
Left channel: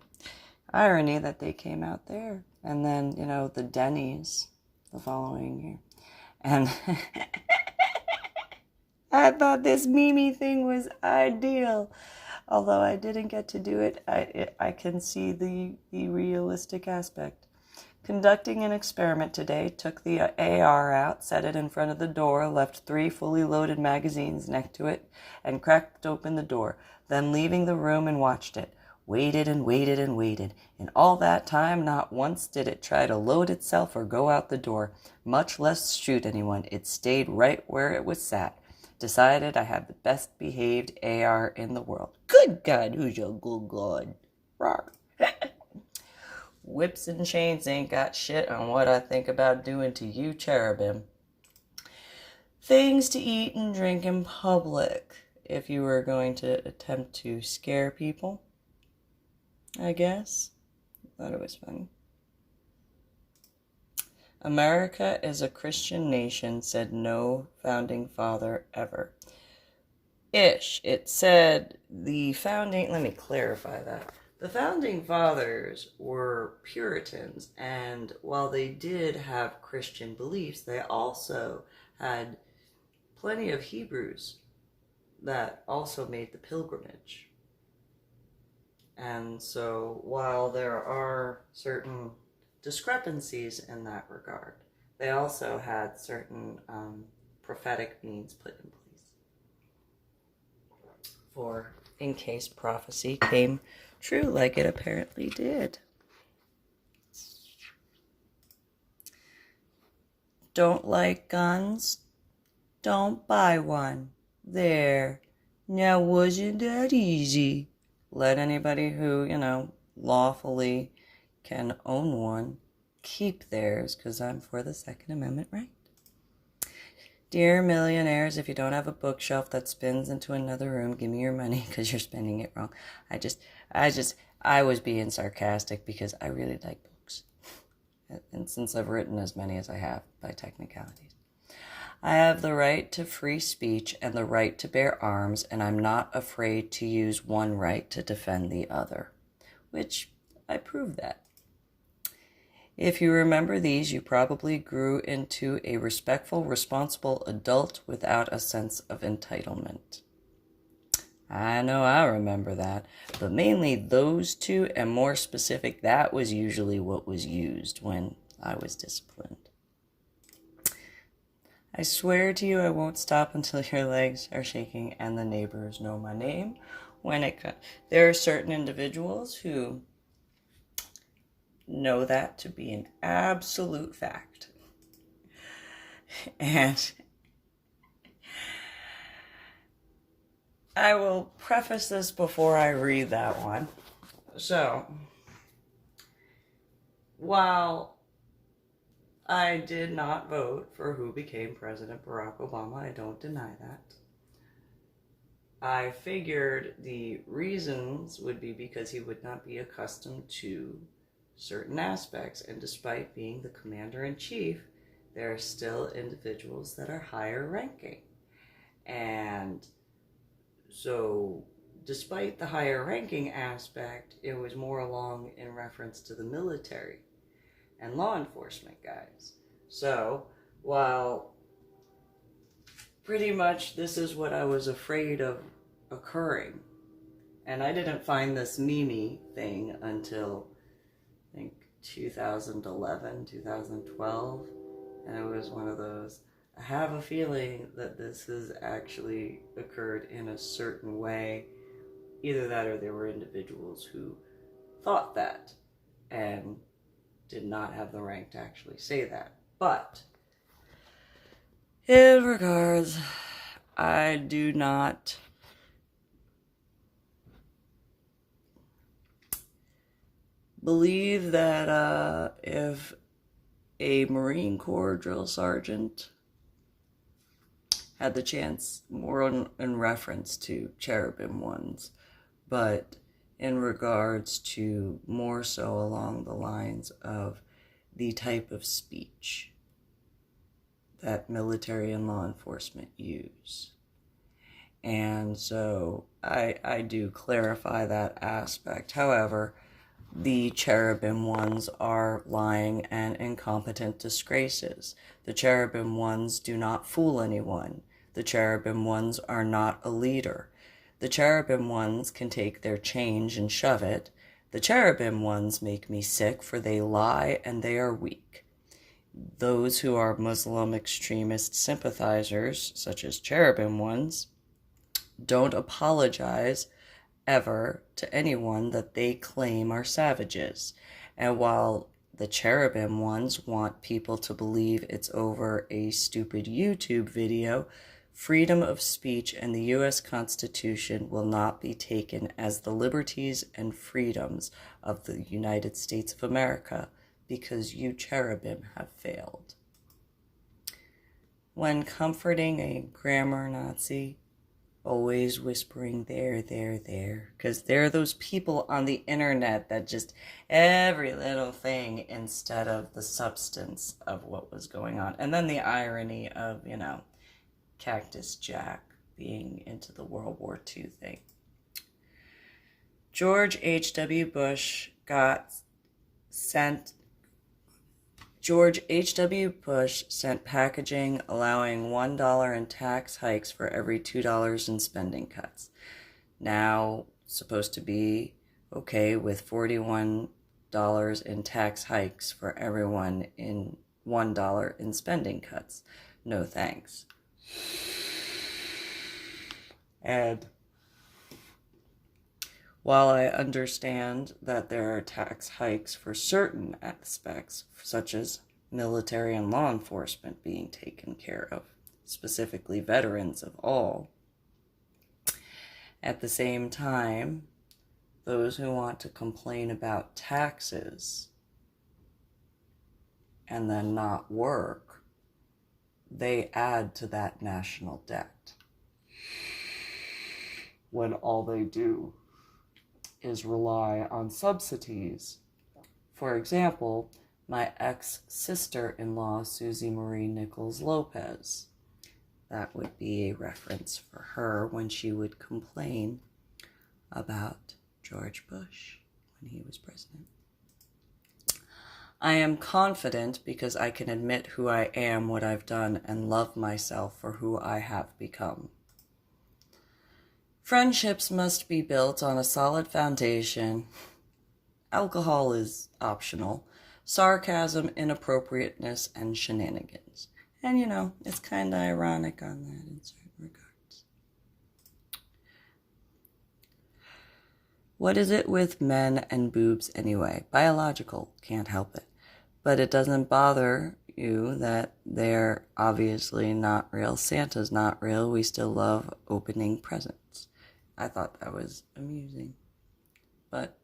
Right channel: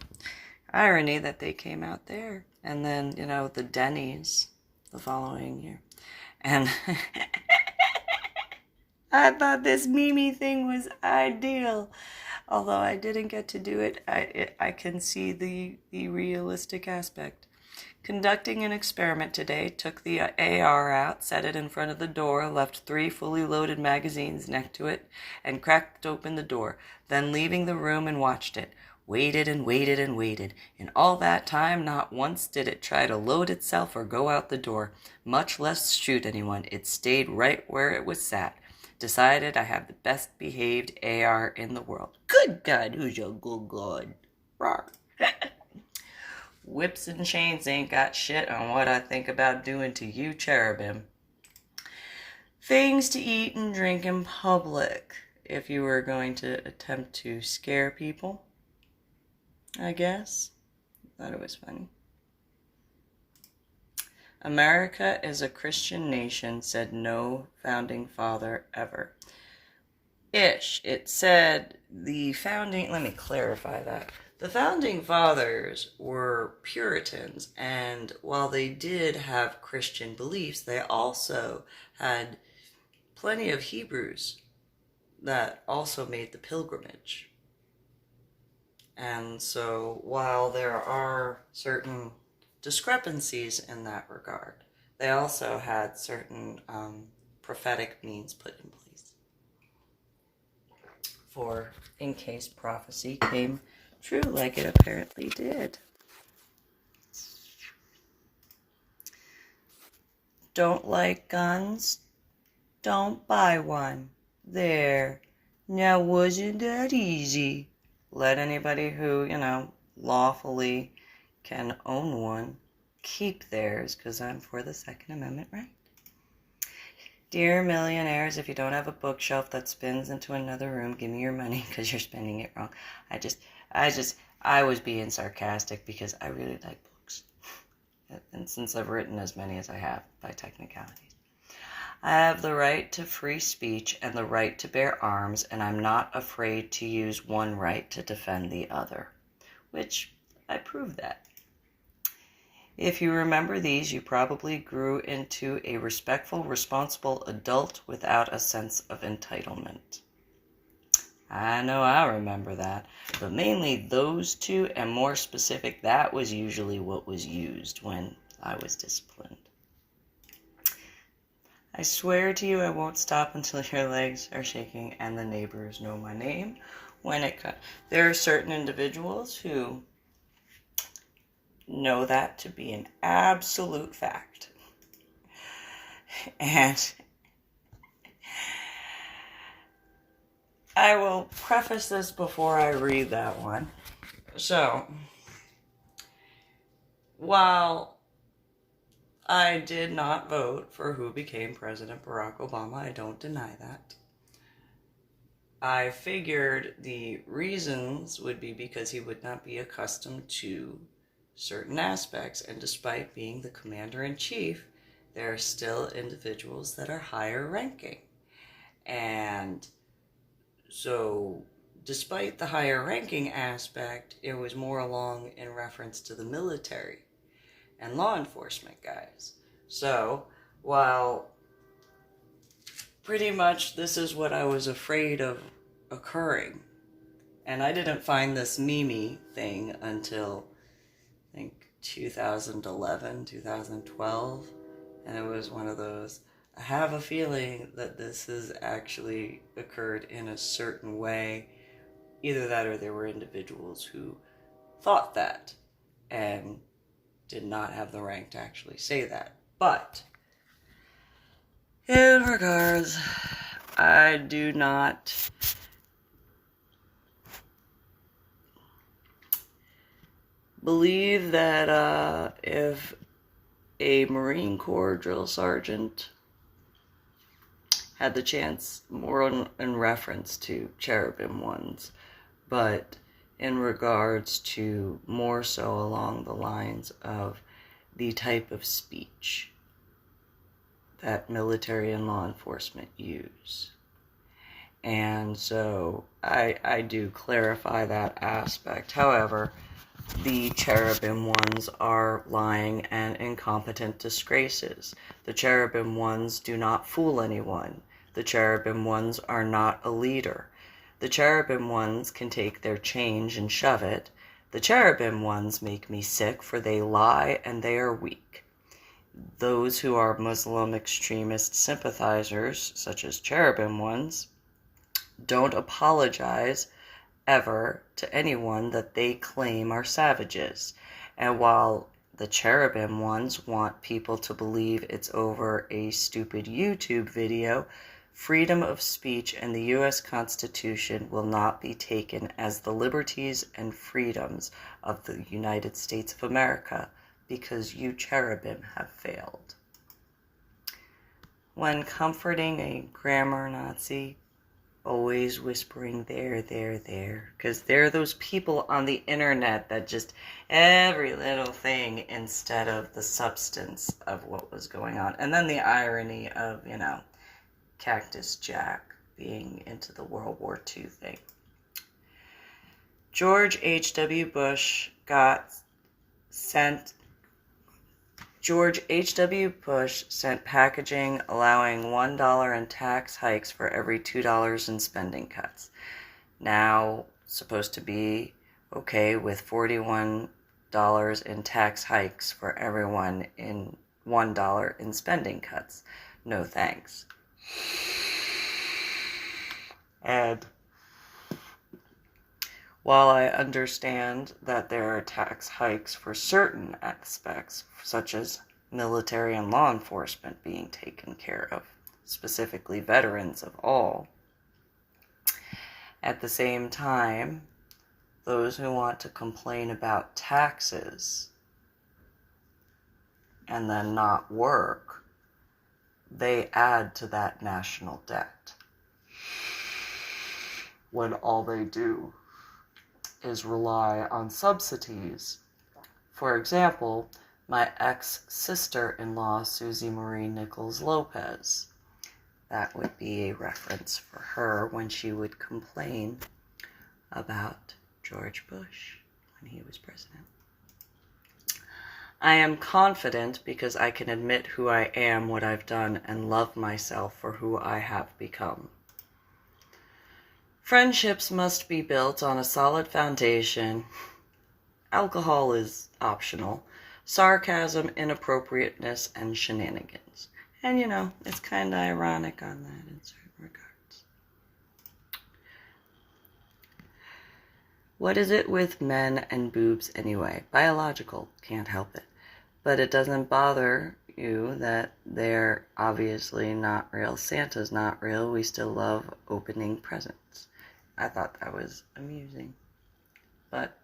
irony that they came out there. And then, the Denny's the following year. And I thought this Mimi thing was ideal. Although I didn't get to do it, I can see the realistic aspect. Conducting an experiment today, took the AR out, set it in front of the door, left 3 fully loaded magazines next to it, and cracked open the door. Then leaving the room and watched it. Waited and waited and waited. In all that time, not once did it try to load itself or go out the door, much less shoot anyone. It stayed right where it was sat. Decided I have the best behaved AR in the world. Good God, who's your good God? Rawr. Whips and chains ain't got shit on what I think about doing to you, cherubim. things to eat and drink in public if you were going to attempt to scare people, I guess. Thought it was funny. America is a Christian nation, said no founding father ever. Ish. It said the founding, let me clarify that. The founding fathers were Puritans, and while they did have Christian beliefs, they also had plenty of Hebrews that also made the pilgrimage. And so while there are certain discrepancies in that regard, they also had certain prophetic means put in place for in case prophecy came true, like it apparently did. Don't like guns? Don't buy one. There. Now, wasn't that easy? Let anybody who, lawfully can own one keep theirs, because I'm for the Second Amendment right. Dear millionaires, if you don't have a bookshelf that spins into another room, give me your money because you're spending it wrong. I was being sarcastic because I really like books. And since I've written as many as I have by technicalities. I have the right to free speech and the right to bear arms, and I'm not afraid to use one right to defend the other. Which, I prove that. If you remember these, you probably grew into a respectful, responsible adult without a sense of entitlement. I know I remember that, but mainly those two, and more specific, that was usually what was used when I was disciplined. I swear to you I won't stop until your legs are shaking and the neighbors know my name. There are certain individuals who know that to be an absolute fact. And I will preface this before I read that one. So, while I did not vote for who became President Barack Obama, I don't deny that. I figured the reasons would be because he would not be accustomed to certain aspects, and despite being the commander-in-chief, there are still individuals that are higher ranking. And so, despite the higher ranking aspect, it was more along in reference to the military and law enforcement guys. So, while pretty much this is what I was afraid of occurring, and I didn't find this Mimi thing until, I think, 2011, 2012, and it was one of those, I have a feeling that this has actually occurred in a certain way. Either that or there were individuals who thought that and did not have the rank to actually say that. But in regards, I do not believe that if a Marine Corps drill sergeant had the chance, more in reference to cherubim ones, but in regards to more so along the lines of the type of speech that military and law enforcement use. And so I do clarify that aspect. However, the cherubim ones are lying and incompetent disgraces. The cherubim ones do not fool anyone. The cherubim ones are not a leader. The cherubim ones can take their change and shove it. The cherubim ones make me sick, for they lie and they are weak. Those who are Muslim extremist sympathizers, such as cherubim ones, don't apologize ever to anyone that they claim are savages. And while the cherubim ones want people to believe it's over a stupid YouTube video, freedom of speech and the U.S. Constitution will not be taken as the liberties and freedoms of the United States of America, because you cherubim have failed. when comforting a grammar Nazi, always whispering there, because there are those people on the internet that just every little thing instead of the substance of what was going on. And then the irony of, Cactus Jack being into the World War II thing. George H.W. Bush sent packaging allowing $1 in tax hikes for every $2 in spending cuts. Now supposed to be okay with $41 in tax hikes for everyone in $1 in spending cuts. No thanks. And while I understand that there are tax hikes for certain aspects, such as military and law enforcement being taken care of, specifically veterans of all, at the same time, those who want to complain about taxes and then not work, they add to that national debt when all they do is rely on subsidies. For example, my ex-sister-in-law, Susie Marie Nichols Lopez. That would be a reference for her when she would complain about George Bush when he was president. I am confident because I can admit who I am, what I've done, and love myself for who I have become. Friendships must be built on a solid foundation. Alcohol is optional. Sarcasm, inappropriateness, and shenanigans. And it's kind of ironic on that in certain regards. What is it with men and boobs anyway? Biological, can't help it. But it doesn't bother you that they're obviously not real. Santa's not real. We still love opening presents. I thought that was amusing. But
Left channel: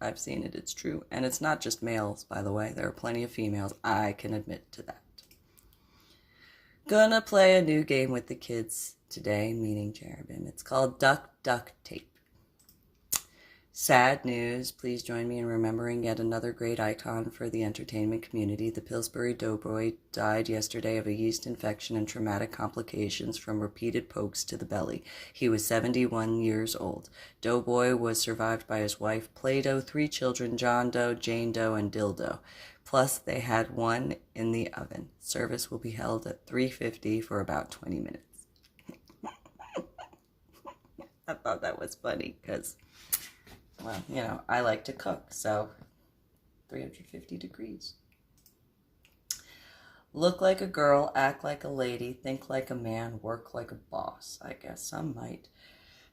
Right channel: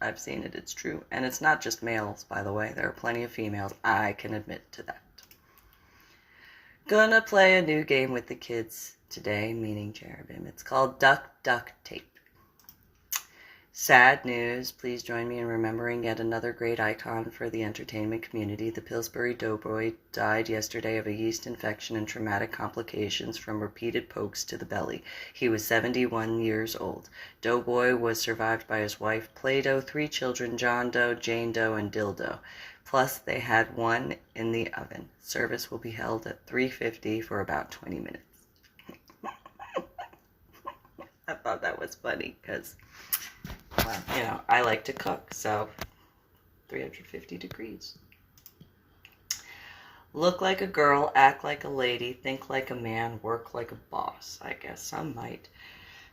I've seen it. It's true. And it's not just males, by the way. There are plenty of females. I can admit to that. Gonna play a new game with the kids today, meaning Cherubim. It's called Duck, Duck, Tape. Sad news. Please join me in remembering yet another great icon for the entertainment community. The Pillsbury Doughboy died yesterday of a yeast infection and traumatic complications from repeated pokes to the belly. He was 71 years old. Doughboy was survived by his wife, Play-Doh, 3 children, John Doe, Jane Doe, and Dildo. Plus, they had one in the oven. Service will be held at 3:50 for about 20 minutes. I thought that was funny because, well, I like to cook, so 350 degrees. Look like a girl, act like a lady, think like a man, work like a boss. I guess some might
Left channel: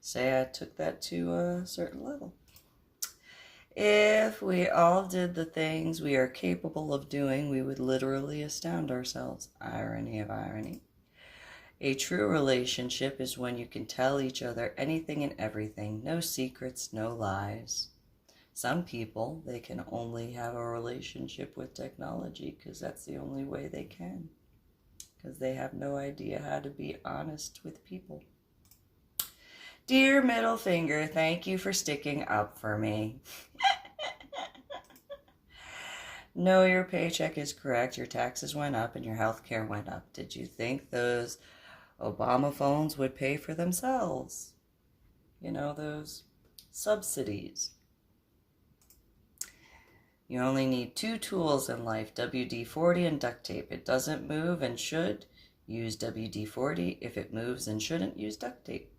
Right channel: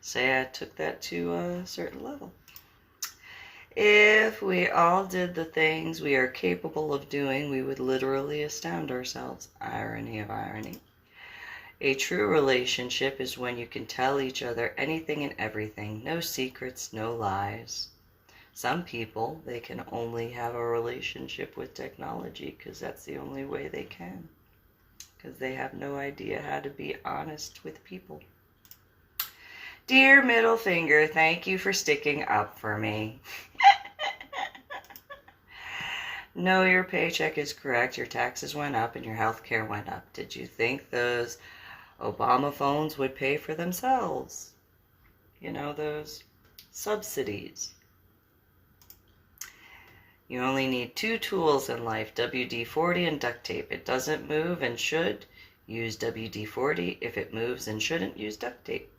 say I took that to a certain level. If we all did the things we are capable of doing, we would literally astound ourselves. Irony of irony. A true relationship is when you can tell each other anything and everything. No secrets, no lies. Some people, they can only have a relationship with technology because that's the only way they can. Because they have no idea how to be honest with people. Dear middle finger, thank you for sticking up for me. No, your paycheck is correct. Your taxes went up and your health care went up. Did you think those Obama phones would pay for themselves? Those subsidies. You only need 2 tools in life, WD-40 and duct tape. It doesn't move and should. Use WD-40. If it moves and shouldn't, use duct tape.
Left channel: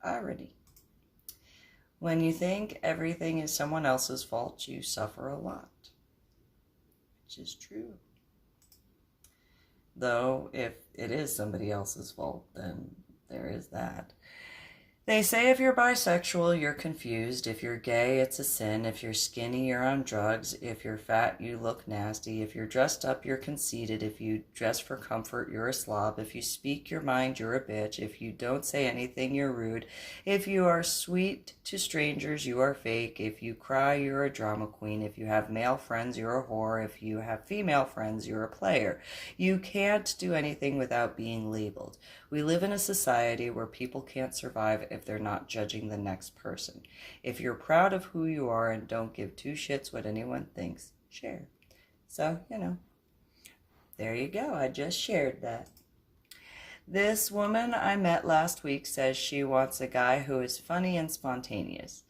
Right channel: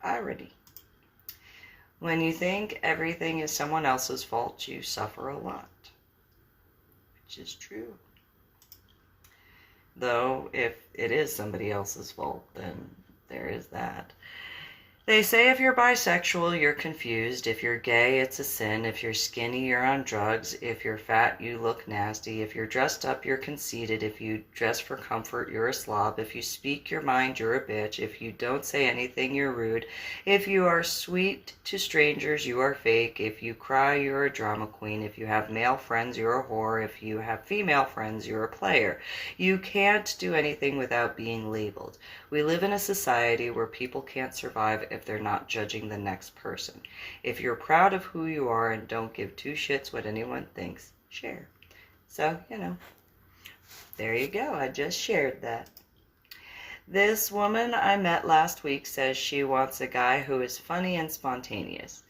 Irony. When you think everything is someone else's fault, you suffer a lot. Which is true. Though, if it is somebody else's fault, then there is that. They say if you're bisexual, you're confused. If you're gay, it's a sin. If you're skinny, you're on drugs. If you're fat, you look nasty. If you're dressed up, you're conceited. If you dress for comfort, you're a slob. If you speak your mind, you're a bitch. If you don't say anything, you're rude. If you are sweet to strangers, you are fake. If you cry, you're a drama queen. If you have male friends, you're a whore. If you have female friends, you're a player. You can't do anything without being labeled. We live in a society where people can't survive if they're not judging the next person. If you're proud of who you are and don't give two shits what anyone thinks, share. So, there you go. I just shared that. This woman I met last week says she wants a guy who is funny and spontaneous.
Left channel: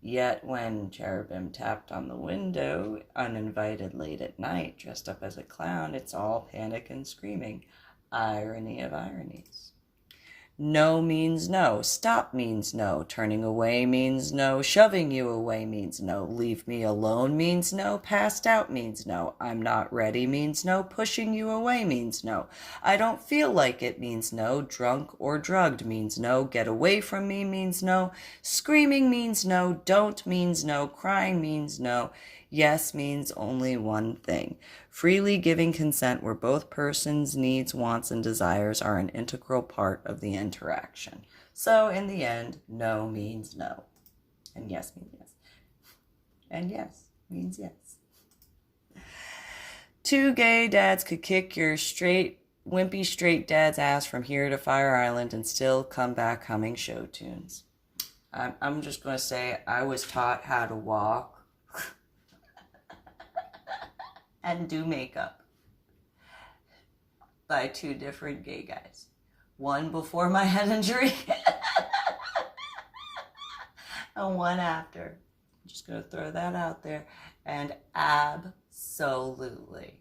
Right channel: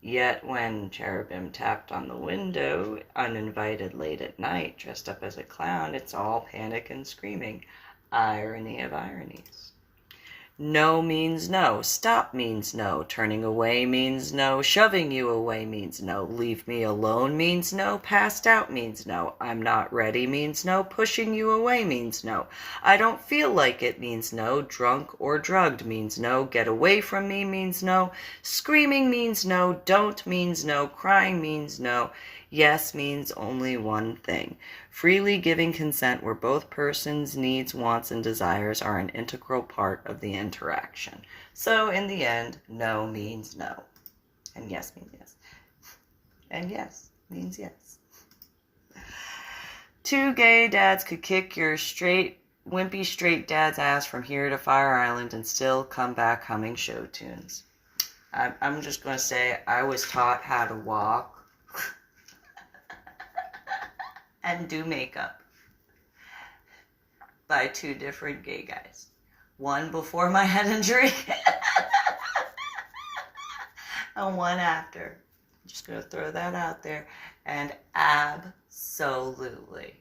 Yet when Cherubim tapped on the window, uninvited late at night, dressed up as a clown, it's all panic and screaming. Irony of ironies. No means no. Stop means no. Turning away means no. Shoving you away means no. Leave me alone means no. Passed out means no. I'm not ready means no. Pushing you away means no. I don't feel like it means no. Drunk or drugged means no. Get away from me means no. Screaming means no. Don't means no. Crying means no. Yes means only one thing. Freely giving consent where both persons' needs, wants, and desires are an integral part of the interaction. So in the end, no means no. And yes means yes. And yes means yes. Two gay dads could kick your wimpy straight dad's ass from here to Fire Island and still come back humming show tunes. I'm just going to say I was taught how to walk and do makeup by two different gay guys. One before my head injury and one after. I'm just going to throw that out there. And absolutely.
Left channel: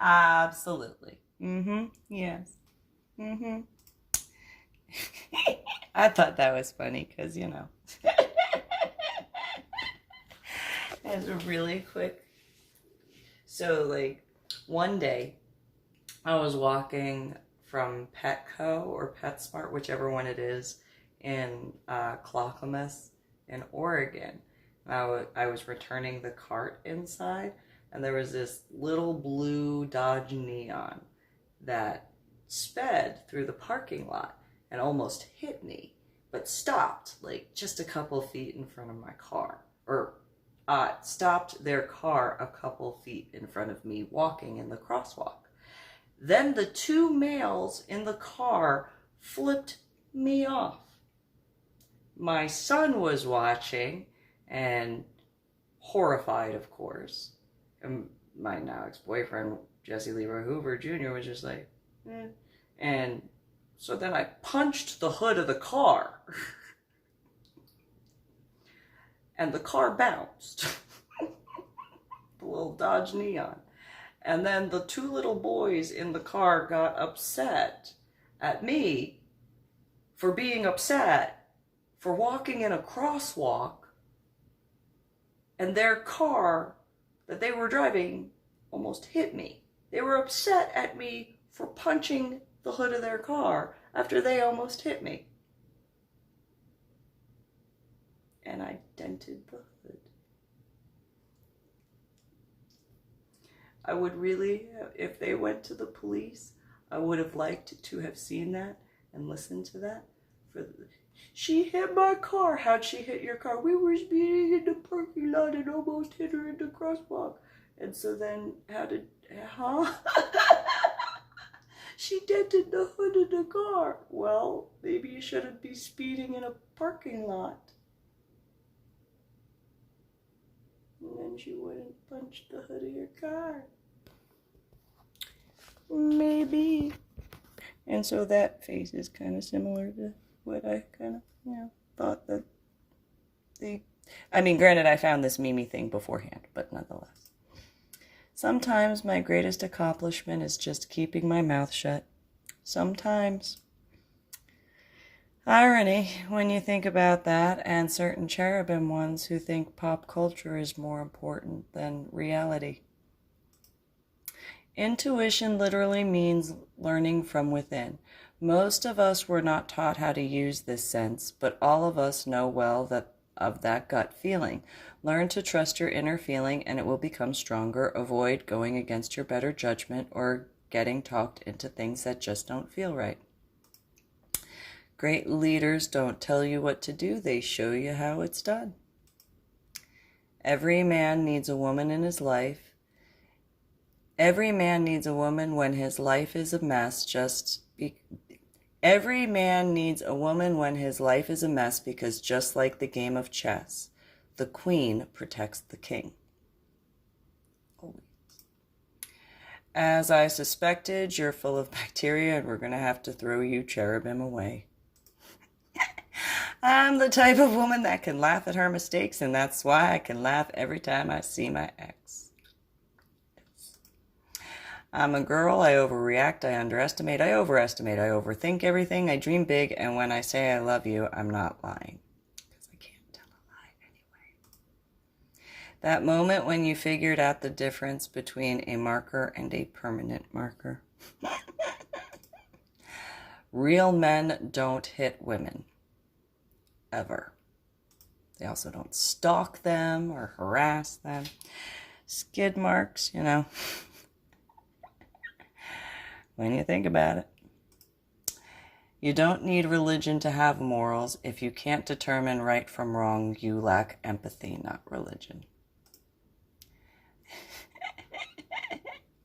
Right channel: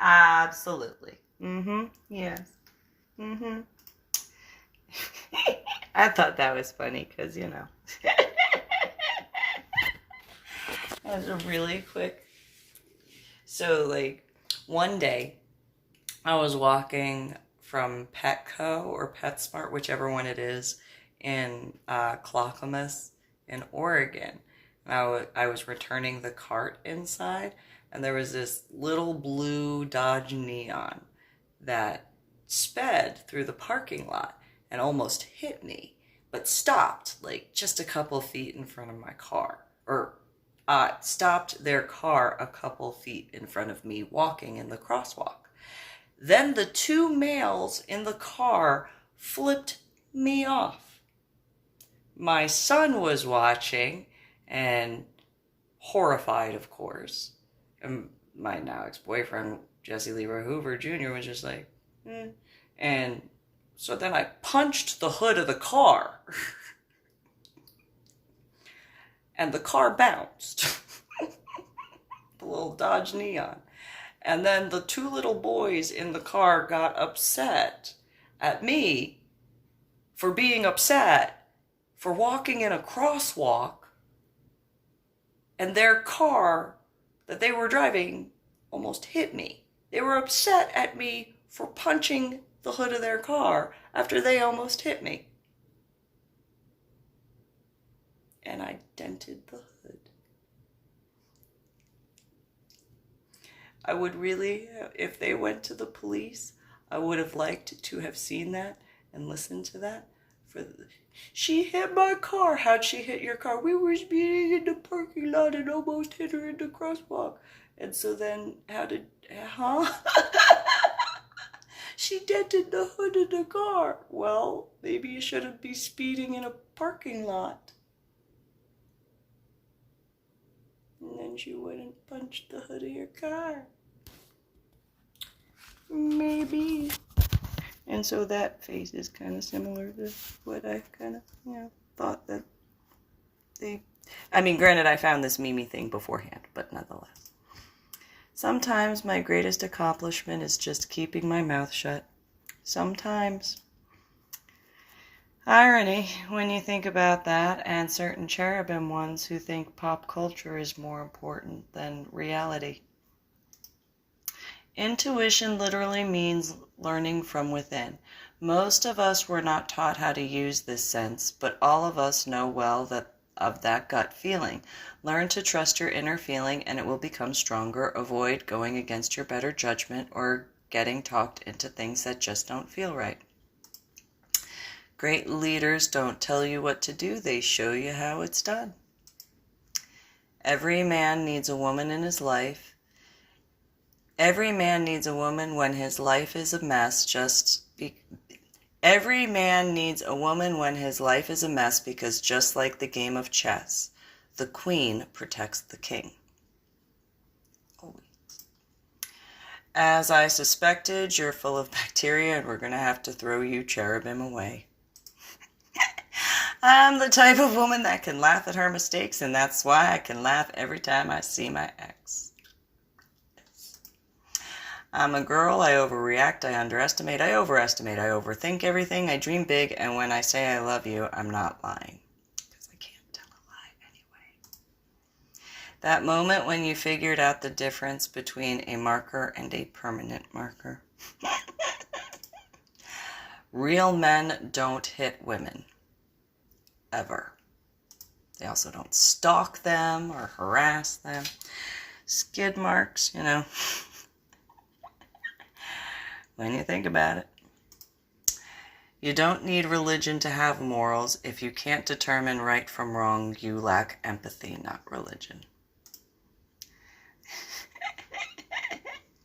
Yes. I thought that was funny because, It's a really quick. So, one day, I was walking from Petco or PetSmart, whichever one it is, in Clackamas in Oregon. I was returning the cart inside, and there was this little blue Dodge Neon that sped through the parking lot and almost hit me, but stopped, just a couple feet in front of my car, or stopped their car a couple feet in front of me walking in the crosswalk. Then the two males in the car flipped me off. My son was watching and horrified, of course. And my now ex-boyfriend, Jesse Leroy Hoover Jr., was just like, eh. And so then I punched the hood of the car. And the car bounced. The little Dodge Neon. And then the two little boys in the car got upset at me for being upset for walking in a crosswalk, and their car that they were driving almost hit me. They were upset at me for punching the hood of their car after they almost hit me. And I dented the hood. I would really, if they went to the police, I would have liked to have seen that and listened to that. She hit my car. How'd she hit your car? We were speeding in the parking lot and almost hit her in the crosswalk. And so then, She dented the hood of the car. Well, maybe you shouldn't be speeding in a parking lot. And then she wouldn't punch the hood of your car. Maybe. And so that face is kind of similar to what I kind of, thought that granted, I found this Mimi thing beforehand, but nonetheless. Sometimes my greatest accomplishment is just keeping my mouth shut. Sometimes. Irony when you think about that, and certain cherubim ones who think pop culture is more important than reality. Intuition literally means learning from within. Most of us were not taught how to use this sense, but all of us know well that of that gut feeling. Learn to trust your inner feeling and it will become stronger. Avoid going against your better judgment or getting talked into things that just don't feel right. Great leaders don't tell you what to do, they show you how it's done. Every man needs a woman in his life. Every man needs a woman when his life is a mess, Every man needs a woman when his life is a mess because just like the game of chess, the queen protects the king. As I suspected, you're full of bacteria and we're going to have to throw you cherubim away. I'm the type of woman that can laugh at her mistakes, and that's why I can laugh every time I see my ex. I'm a girl, I overreact, I underestimate, I overestimate, I overthink everything, I dream big, and when I say I love you, I'm not lying. Because I can't tell a lie anyway. That moment when you figured out the difference between a marker and a permanent marker. Real men don't hit women. Ever. They also don't stalk them or harass them. Skid marks, you know. When you think about it. You don't need religion to have morals. If you can't determine right from wrong, you lack empathy, not religion.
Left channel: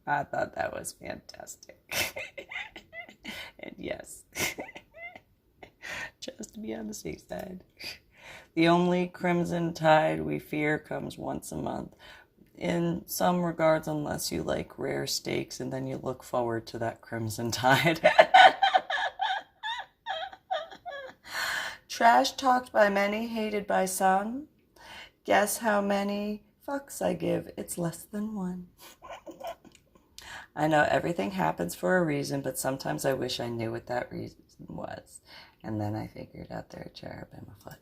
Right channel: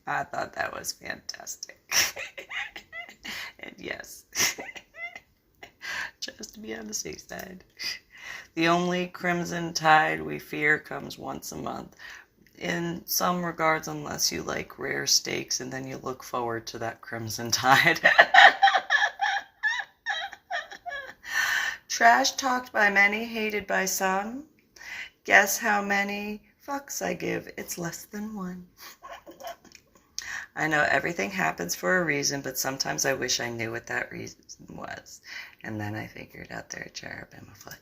I thought that was fantastic. And yes. Just to be on the safe side. The only crimson tide we fear comes once a month. In some regards, unless you like rare steaks, and then you look forward to that crimson tide. Trash talked by many, hated by some. Guess how many fucks I give? It's less than one. I know everything happens for a reason, but sometimes I wish I knew what that reason was. And then I figured out there are cherubim afoot.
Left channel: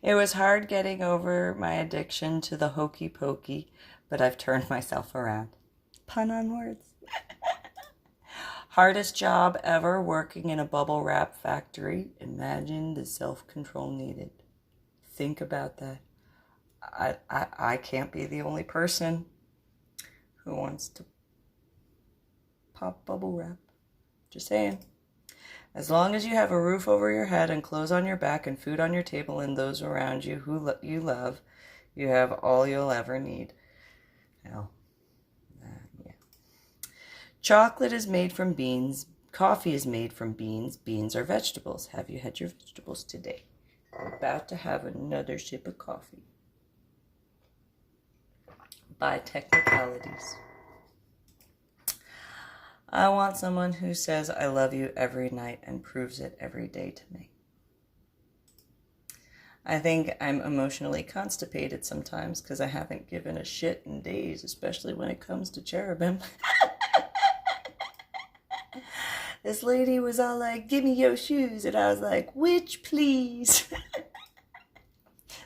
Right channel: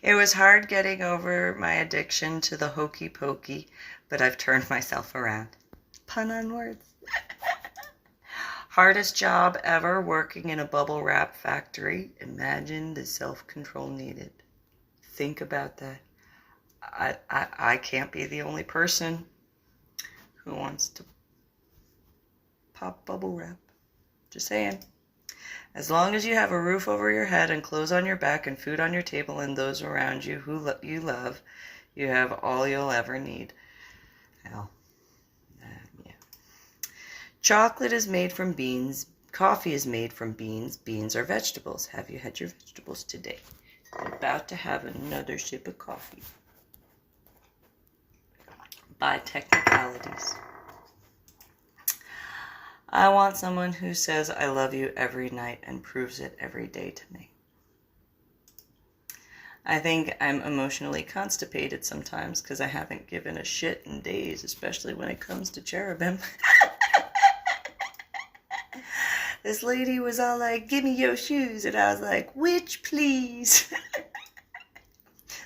It was hard getting over my addiction to the hokey pokey, but I've turned myself around. Pun on words. Hardest job ever, working in a bubble wrap factory. Imagine the self-control needed. Think about that. I can't be the only person who wants to pop bubble wrap. Just saying. As long as you have a roof over your head and clothes on your back and food on your table and those around you who you love, you have all you'll ever need. Well, yeah. Chocolate is made from beans. Coffee is made from beans. Beans are vegetables. Have you had your vegetables today? I'm about to have another sip of coffee. By technicalities. I want someone who says I love you every night and proves it every day to me. I think I'm emotionally constipated sometimes because I haven't given a shit in days, especially when it comes to cherubim. This lady was all like, give me your shoes. And I was like, which, please?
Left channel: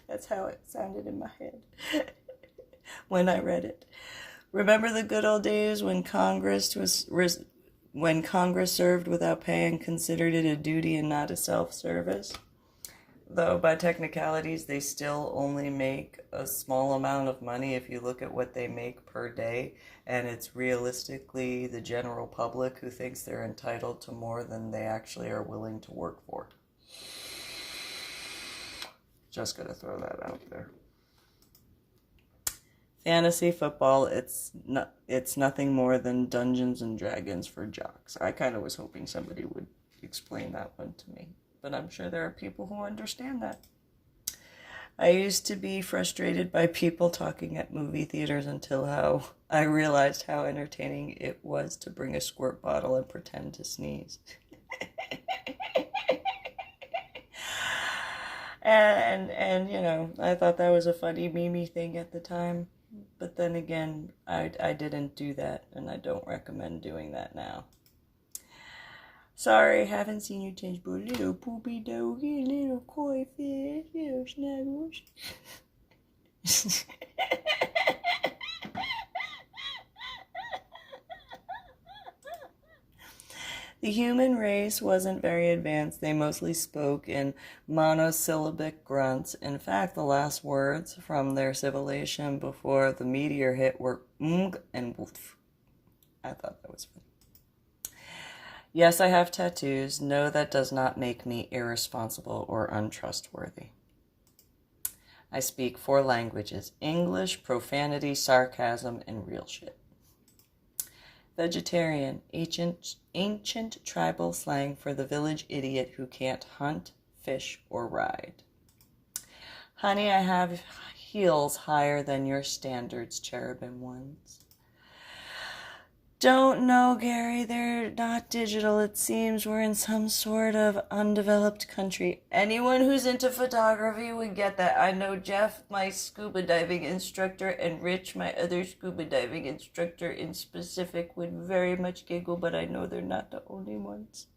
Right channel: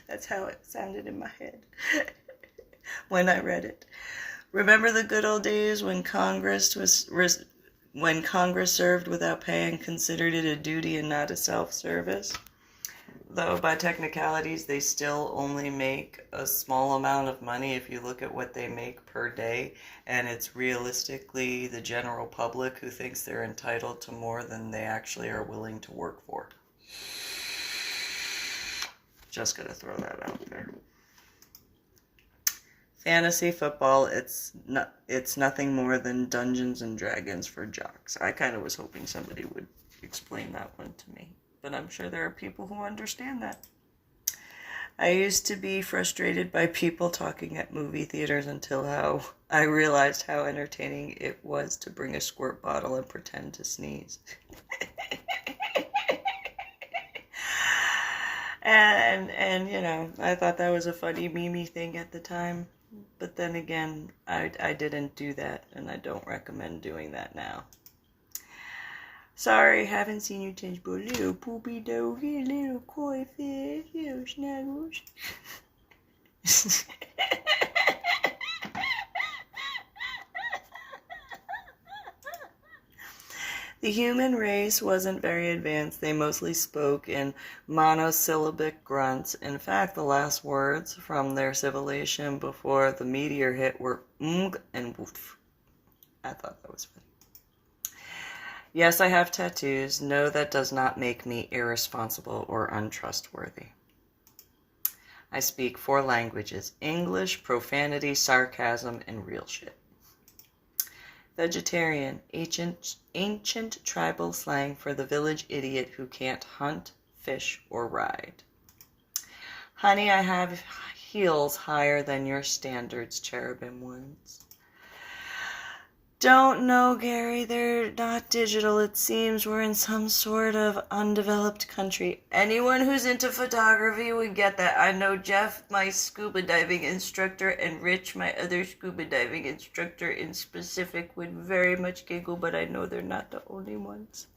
That's how it sounded in my head when I read it. Remember the good old days when Congress served without pay and considered it a duty and not a self-service? Though by technicalities, they still only make a small amount of money if you look at what they make per day, and it's realistically the general public who thinks they're entitled to more than they actually are willing to work for. Just gonna throw that out there. Fantasy football, it's nothing more than Dungeons and Dragons for jocks. I kind of was hoping somebody would explain that one to me, but I'm sure there are people who understand that. I used to be frustrated by people talking at movie theaters until I realized how entertaining it was to bring a squirt bottle and pretend to sneeze. and you know, I thought that was a funny meme thing at the time. But then again, I didn't do that, and I don't recommend doing that now. Sorry, haven't seen you change, but little poopy doggy, little koi fish, little snuggles. The human race wasn't very advanced. They mostly spoke in monosyllabic grunts. In fact, the last words from their civilization before the meteor hit were and woof. I thought that was funny. Yes, I have tattoos. No, that does not make me irresponsible or untrustworthy. I speak 4 languages: English, profanity, sarcasm, and real shit. Vegetarian, ancient tribal slang for the village idiot who can't hunt, fish, or ride. Honey, I have heels higher than your standards, cherubim ones. Don't know, Gary. They're not digital. It seems we're in some sort of undeveloped country. Anyone who's into photography would get that. I know Jeff, my scuba diving instructor, and Rich, my other scuba diving instructor in specific, would very much giggle, but I know they're not the only ones.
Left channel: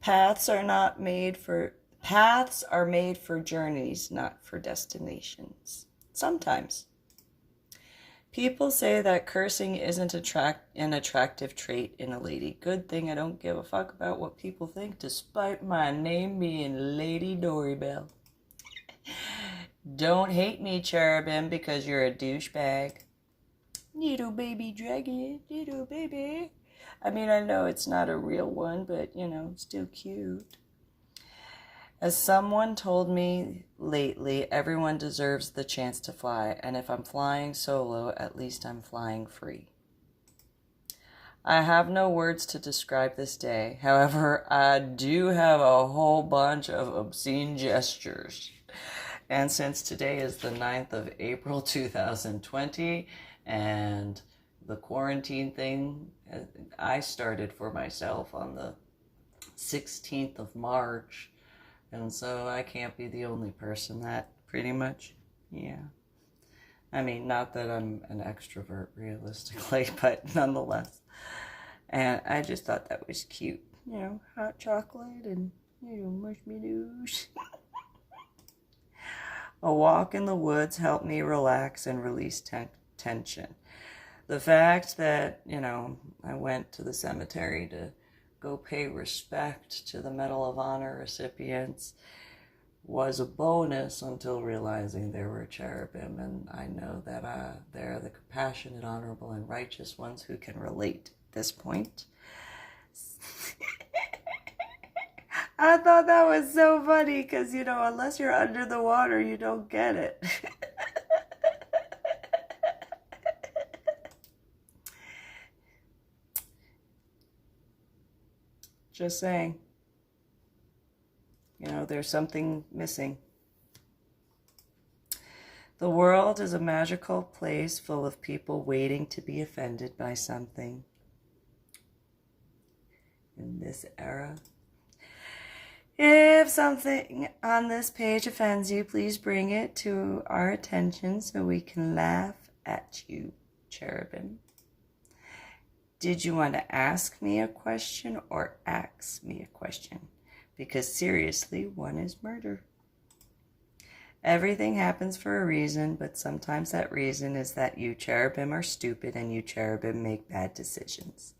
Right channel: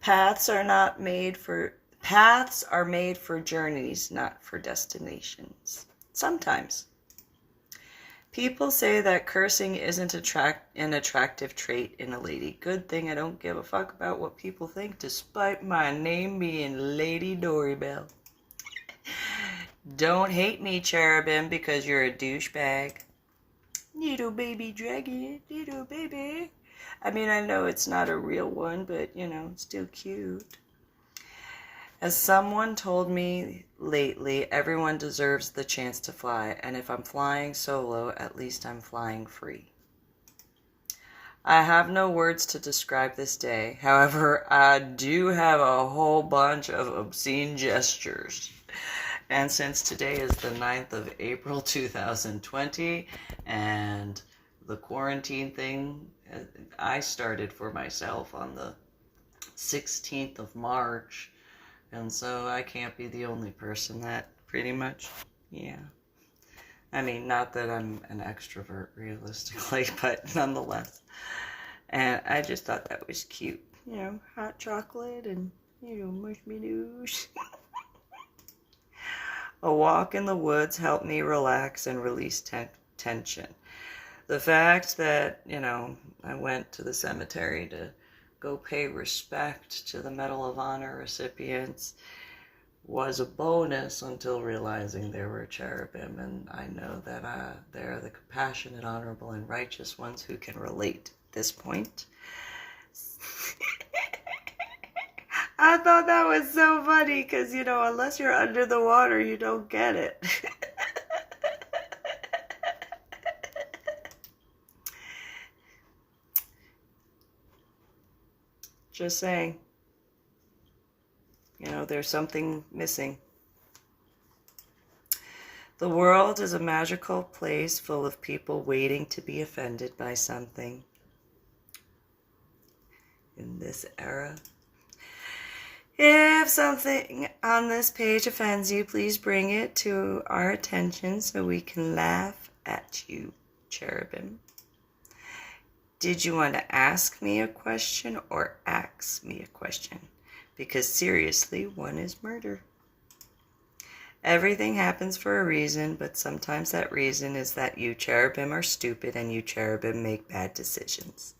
Paths are made for journeys, not for destinations. Sometimes. People say that cursing isn't an attractive trait in a lady. Good thing I don't give a fuck about what people think, despite my name being Lady Dori Belle. Don't hate me, cherubim, because you're a douchebag. Little baby dragon, little baby. I mean, I know it's not a real one, but, you know, it's still cute. As someone told me lately, everyone deserves the chance to fly, and if I'm flying solo, at least I'm flying free. I have no words to describe this day. However, I do have a whole bunch of obscene gestures. And since today is the 9th of April 2020, and the quarantine thing I started for myself on the 16th of March, and so I can't be the only person that, pretty much, yeah. I mean, not that I'm an extrovert, realistically, but nonetheless. And I just thought that was cute. You know, hot chocolate and, you know, marshmallows. A walk in the woods helped me relax and release tension. The fact that, you know, I went to the cemetery to go pay respect to the Medal of Honor recipients was a bonus until realizing there were cherubim, and I know that they're the compassionate, honorable, and righteous ones who can relate at this point. I thought that was so funny because, you know, unless you're under the water, you don't get it. Just saying. You know, there's something missing. The world is a magical place full of people waiting to be offended by something. In this era. If something on this page offends you, please bring it to our attention so we can laugh at you, cherubim. Did you want to ask me a question or ask me a question? Because seriously, one is murder. Everything happens for a reason, but sometimes that reason is that you cherubim are stupid and you cherubim make bad decisions.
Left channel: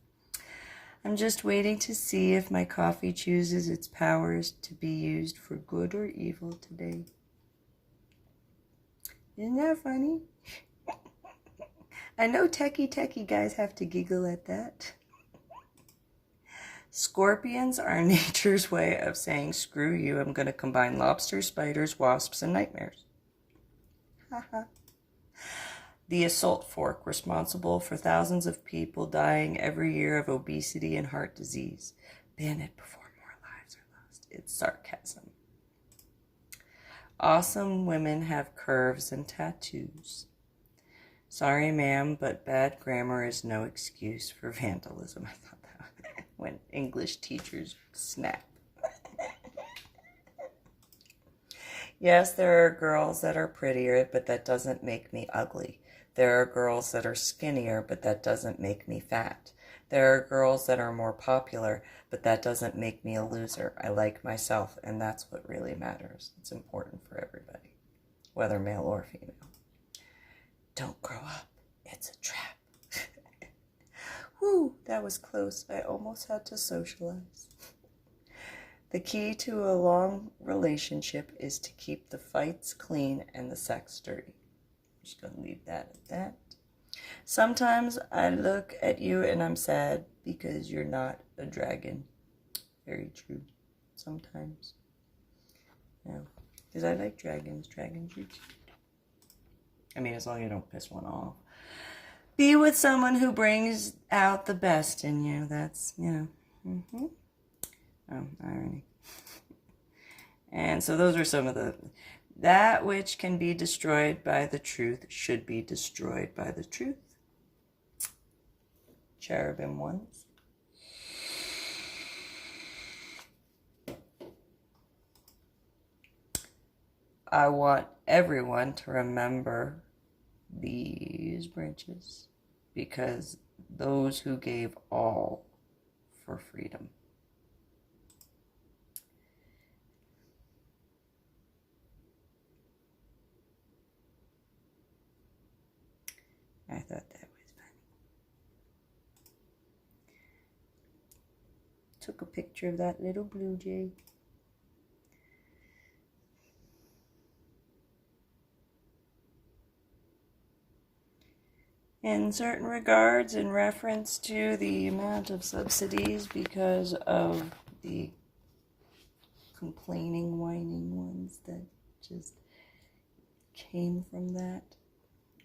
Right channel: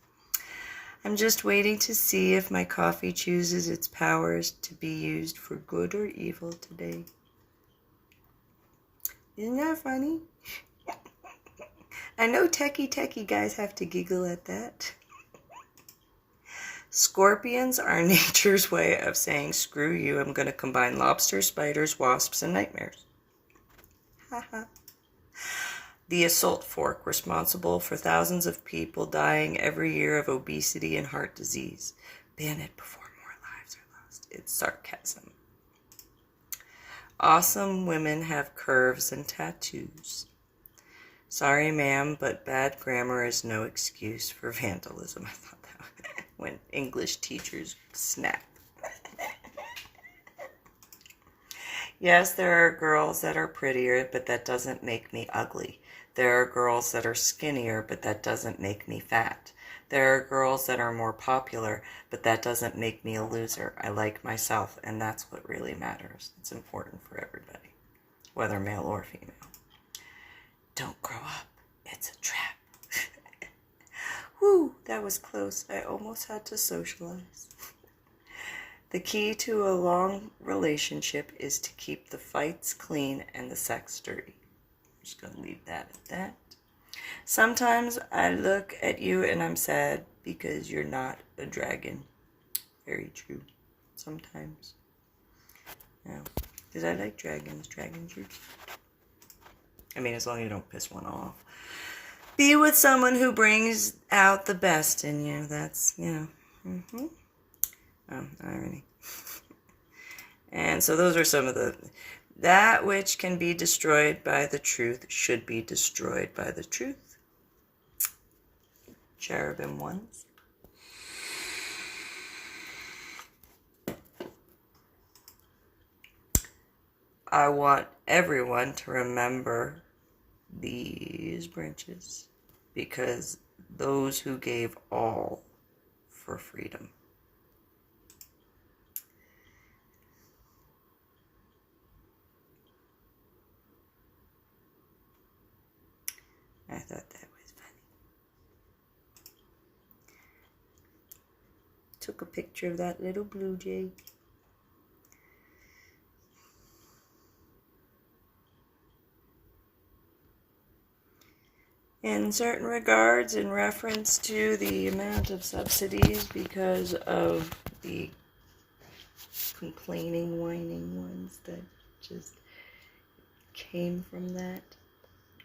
I'm just waiting to see if my coffee chooses its powers to be used for good or evil today. Isn't that funny? I know techie guys have to giggle at that. Scorpions are nature's way of saying, screw you, I'm going to combine lobsters, spiders, wasps, and nightmares. Haha. The assault fork, responsible for thousands of people dying every year of obesity and heart disease. Ban it before more lives are lost. It's sarcasm. Awesome women have curves and tattoos. Sorry, ma'am, but bad grammar is no excuse for vandalism. I thought that when English teachers snap. Yes, there are girls that are prettier, but that doesn't make me ugly. There are girls that are skinnier, but that doesn't make me fat. There are girls that are more popular, but that doesn't make me a loser. I like myself, and that's what really matters. It's important for everybody, whether male or female. Don't grow up. It's a trap. Whew, that was close. I almost had to socialize. The key to a long relationship is to keep the fights clean and the sex dirty. I'm just going to leave that at that. Sometimes I look at you and I'm sad because you're not a dragon. Very true. Sometimes. Yeah. Because I like dragons. Dragons are cute. I mean, as long as you don't piss one off. Be with someone who brings out the best in you. That's, you know. Oh, irony. And so those are some of the... That which can be destroyed by the truth should be destroyed by the truth. Cherubim ones. I want everyone to remember these branches because those who gave all for freedom. I thought that was funny. Took a picture of that little blue jay. In certain regards, in reference to the amount of subsidies because of the complaining, whining ones that just came from that.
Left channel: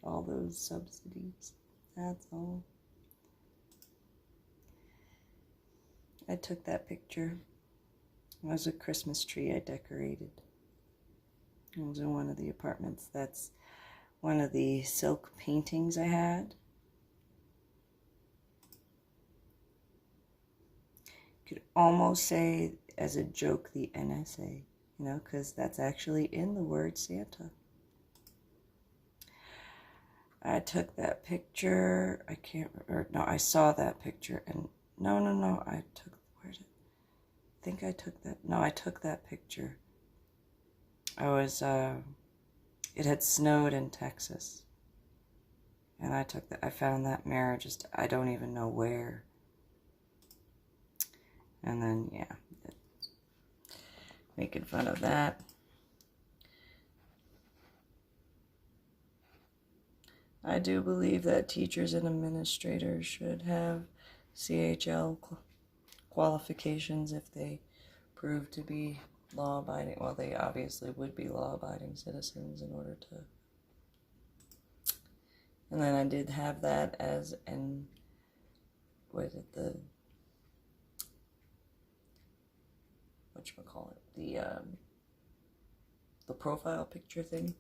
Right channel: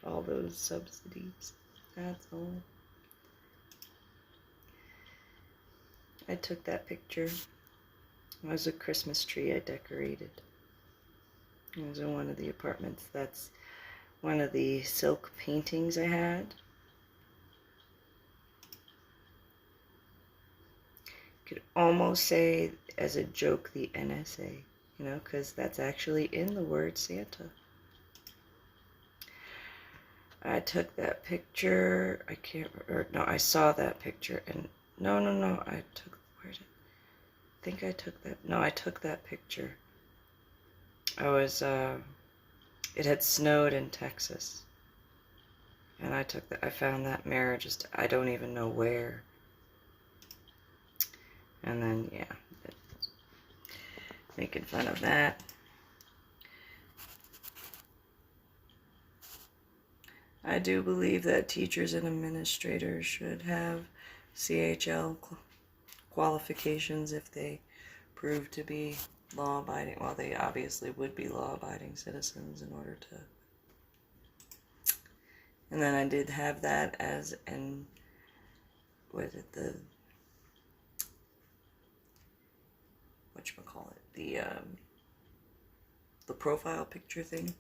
All those subsidies. That's all. I took that picture. It was a Christmas tree I decorated. It was in one of the apartments. That's one of the silk paintings I had. Could almost say as a joke the NSA, you know, because that's actually in the word Santa. I took that picture. I saw that picture and no, I took, I think I took that, no, I took that picture. I was, it had snowed in Texas. And I found that mirror just, I don't even know where. And then, yeah, making fun of that. I do believe that teachers and administrators should have CHL qualifications if they prove to be law-abiding. Well, they obviously would be law-abiding citizens in order to... And then I did have that as an... What is it? The profile picture thing.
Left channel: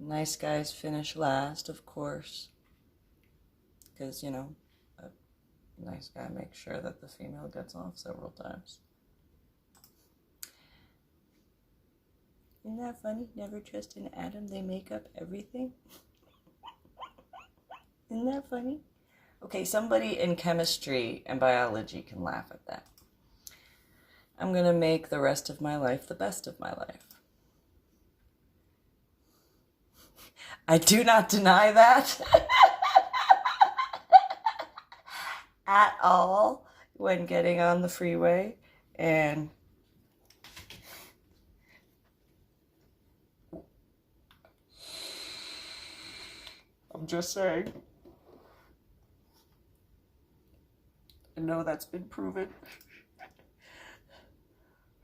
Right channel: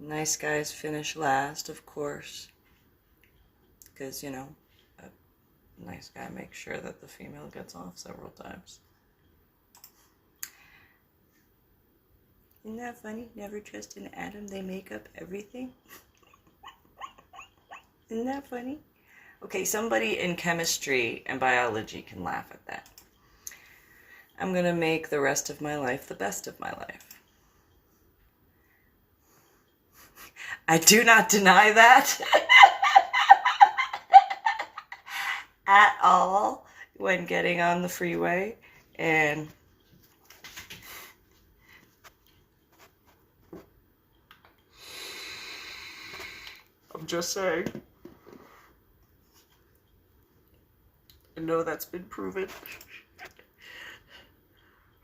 Nice guys finish last, of course. Because, you know, a nice guy makes sure that the female gets off several times. Isn't that funny? Never trust an atom. They make up everything. Isn't that funny? Okay, somebody in chemistry and biology can laugh at that. I'm going to make the rest of my life the best of my life. I do not deny that at all when getting on the freeway. And I'm just saying. I know that's been proven.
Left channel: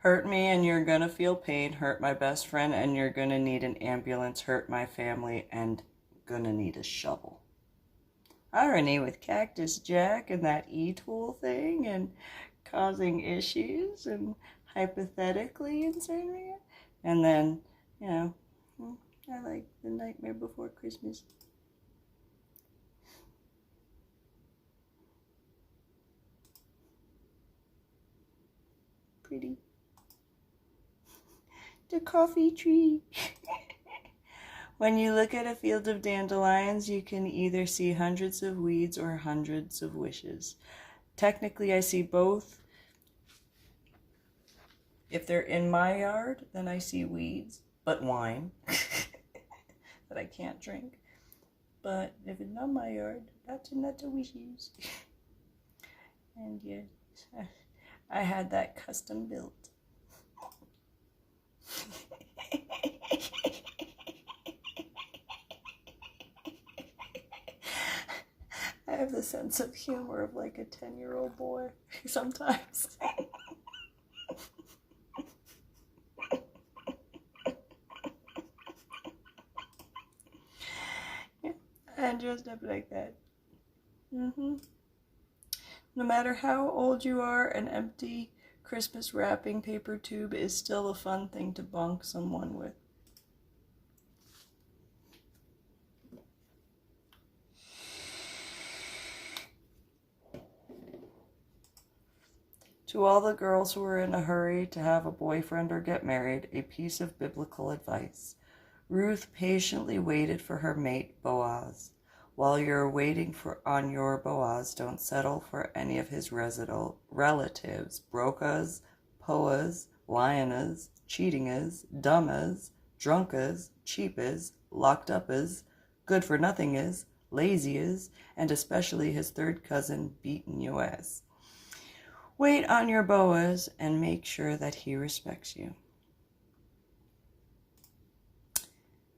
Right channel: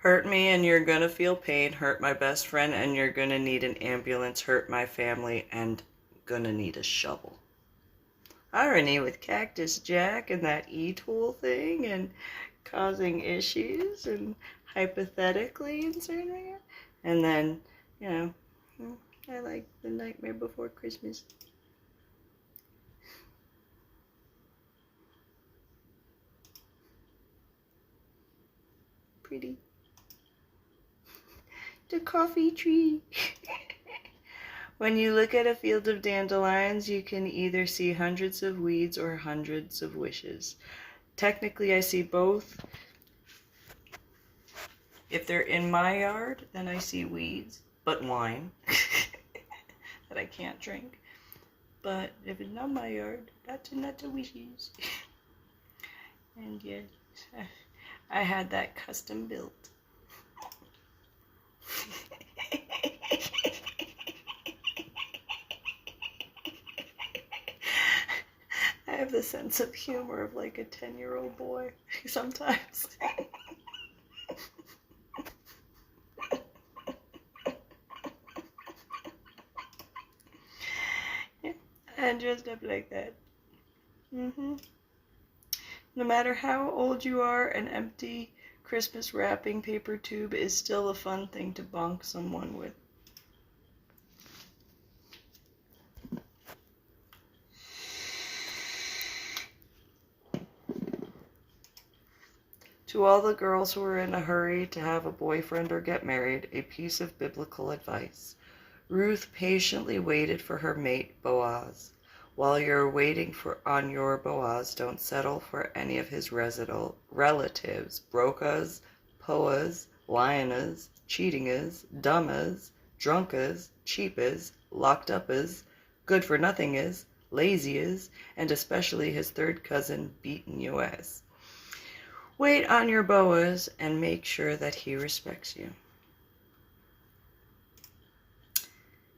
Hurt me and you're gonna feel pain. Hurt my best friend and you're gonna need an ambulance. Hurt my family and gonna need a shovel. Irony with Cactus Jack and that E-tool thing and causing issues and hypothetically in certain areas. And then, you know, I like The Nightmare Before Christmas. Pretty. The coffee tree. When you look at a field of dandelions, you can either see hundreds of weeds or hundreds of wishes. Technically, I see both. If they're in my yard, then I see weeds, but wine that I can't drink. But if it's not my yard, that's not the wishes. And yes, I had that custom built. I have the sense of humor of like a 10-year-old boy sometimes. Yeah, and dressed up like that. No matter how old you are, an empty Christmas wrapping paper tube is still a fun thing to bonk someone with. To all the girls who are in a hurry to have a boyfriend or get married, a piece of biblical advice. Ruth patiently waited for her mate, Boaz. While you're waiting on your Boaz, don't settle for any of his relatives, brokas, poas, lionas, cheatingas, dummas, drunkas, cheapas, locked upas, good-for-nothingas, lazyas, and especially his third cousin, beaten you ass. Wait on your Boaz and make sure that he respects you.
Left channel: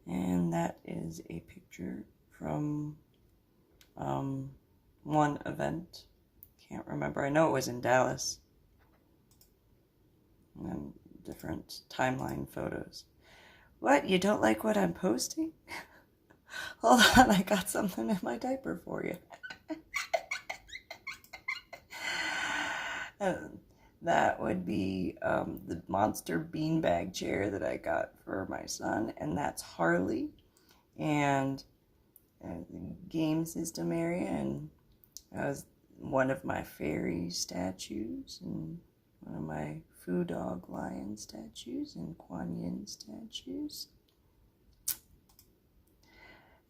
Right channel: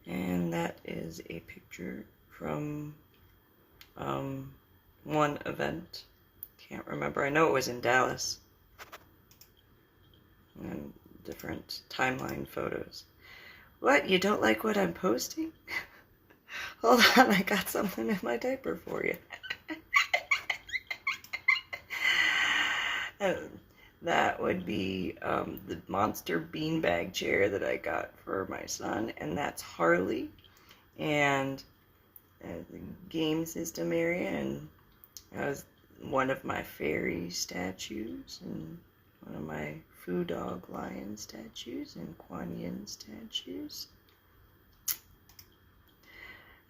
And that is a picture from one event. Can't remember. I know it was in Dallas. And different timeline photos. What? You don't like what I'm posting? Hold on, I got something in my diaper for you. That would be the monster beanbag chair that I got for my son, and that's Harley, and the game system area, and that was one of my fairy statues, and one of my Foo Dog Lion statues, and Kuan Yin statues.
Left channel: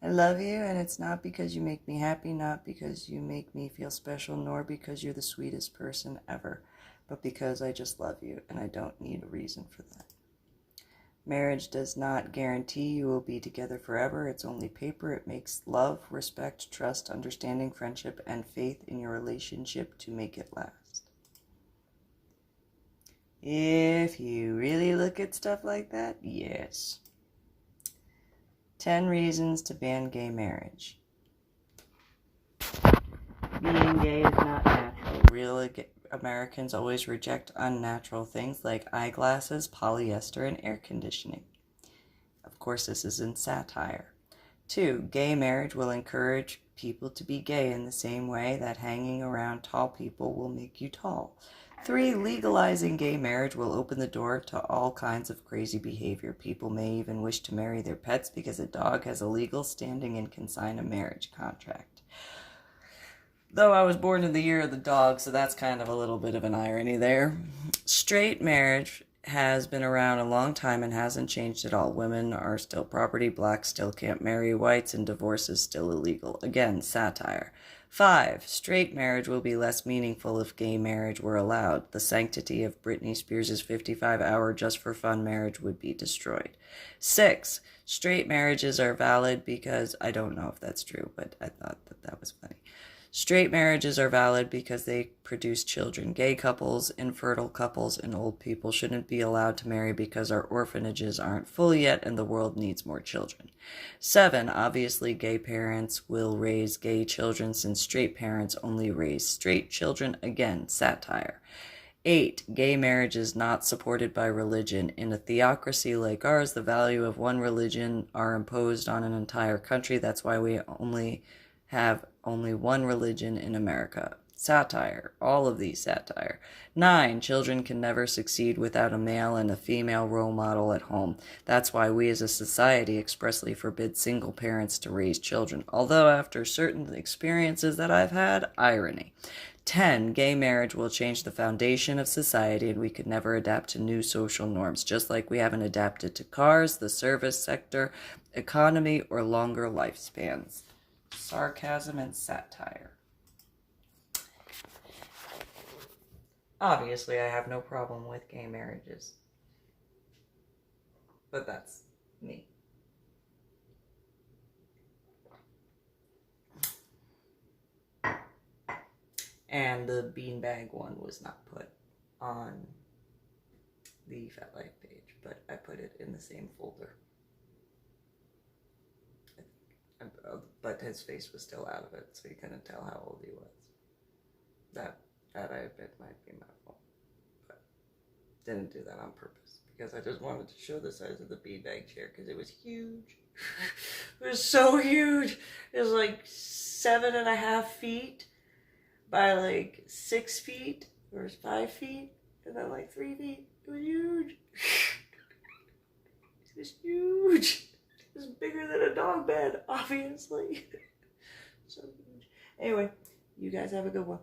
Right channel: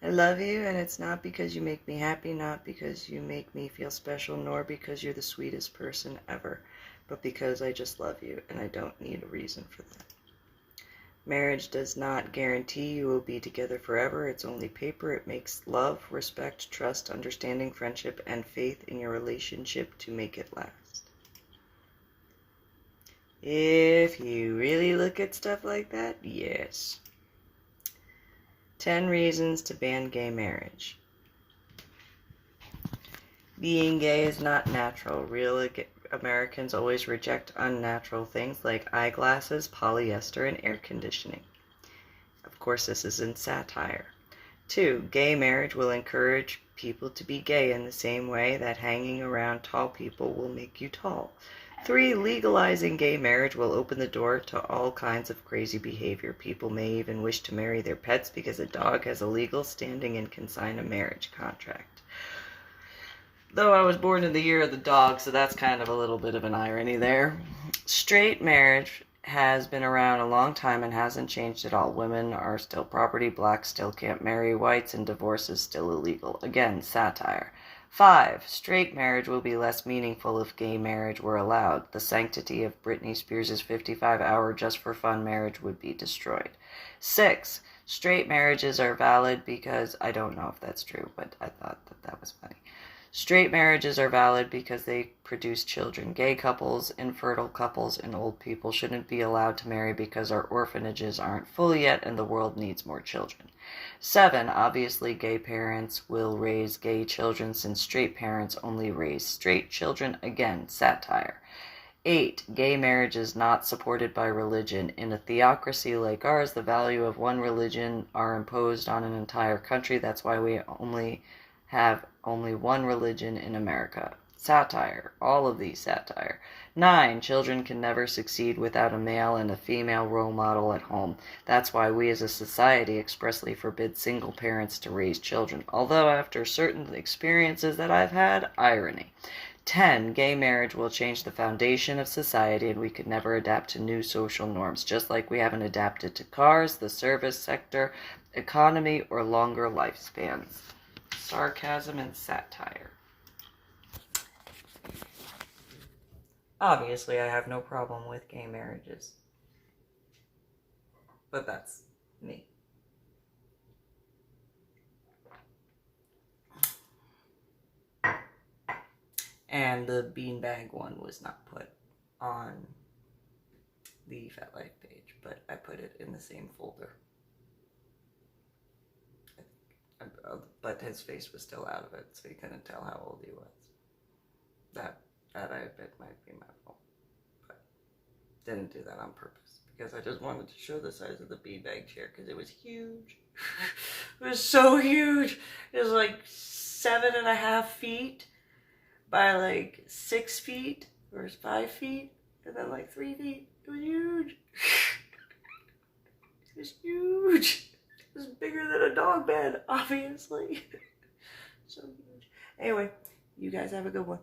I love you, and it's not because you make me happy, not because you make me feel special, nor because you're the sweetest person ever, but because I just love you, and I don't need a reason for that. Marriage does not guarantee you will be together forever. It's only paper. It makes love, respect, trust, understanding, friendship, and faith in your relationship to make it last. If you really look at stuff like that, yes. 10 reasons to ban gay marriage. Being gay is not natural. Real Americans always reject unnatural things like eyeglasses, polyester, and air conditioning. Of course, this is in satire. 2. Gay marriage will encourage people to be gay in the same way that hanging around tall people will make you tall. 3. Legalizing gay marriage will open the door to all kinds of crazy behavior. People may even wish to marry their pets because a dog has a legal standing and can sign a marriage contract. Though I was born in the year of the dog, so that's kind of a little bit of an irony there. Straight marriage has been around a long time and hasn't changed at all. Women are still property, blacks still can't marry whites, and divorce is still illegal. Again, satire. 5. Straight marriage will be less meaningful if gay marriage were allowed. The sanctity of Britney Spears' 55-hour just-for-fun marriage would be destroyed. 6. Straight marriages are valid because, I don't know if that's true, but I thought that was funny. Straight marriages are valid because they produce children. Gay couples, infertile couples, and old people shouldn't be allowed to marry because our orphanages aren't full yet and the world needs more children. 7. Obviously, gay parents will raise gay children since straight parents only raise straight children. Again, satire. 8. Gay marriage is not supported by religion. In a theocracy like ours, the value of one religion are imposed on an entire country. That's why we have only one religion in America. Satire. All of these satire. 9. Children can never succeed without a male and a female role model at home. That's why we as a society expressly forbid single parents to raise children. Although after certain experiences that I've had, irony. 10. Gay marriage will change the foundation of society and we could never adapt to new social norms, just like we haven't adapted to cars, the service sector, economy, or longer lifespans. Sarcasm and satire. Obviously, I have no problem with gay marriages. But that's me. And the beanbag one was not put on the Fat Life page, but I put it in the same folder. But his face was still out of it, so you couldn't tell how old he was. That I admit might be my fault, but didn't do that on purpose because I just wanted to show the size of the beanbag chair because it was huge. It was so huge. It was like 7.5 feet by like 6 feet or 5 feet, and then like 3 feet. It was huge. It was huge. It was bigger than a dog bed, obviously. So huge. Anyway, you guys have a good one.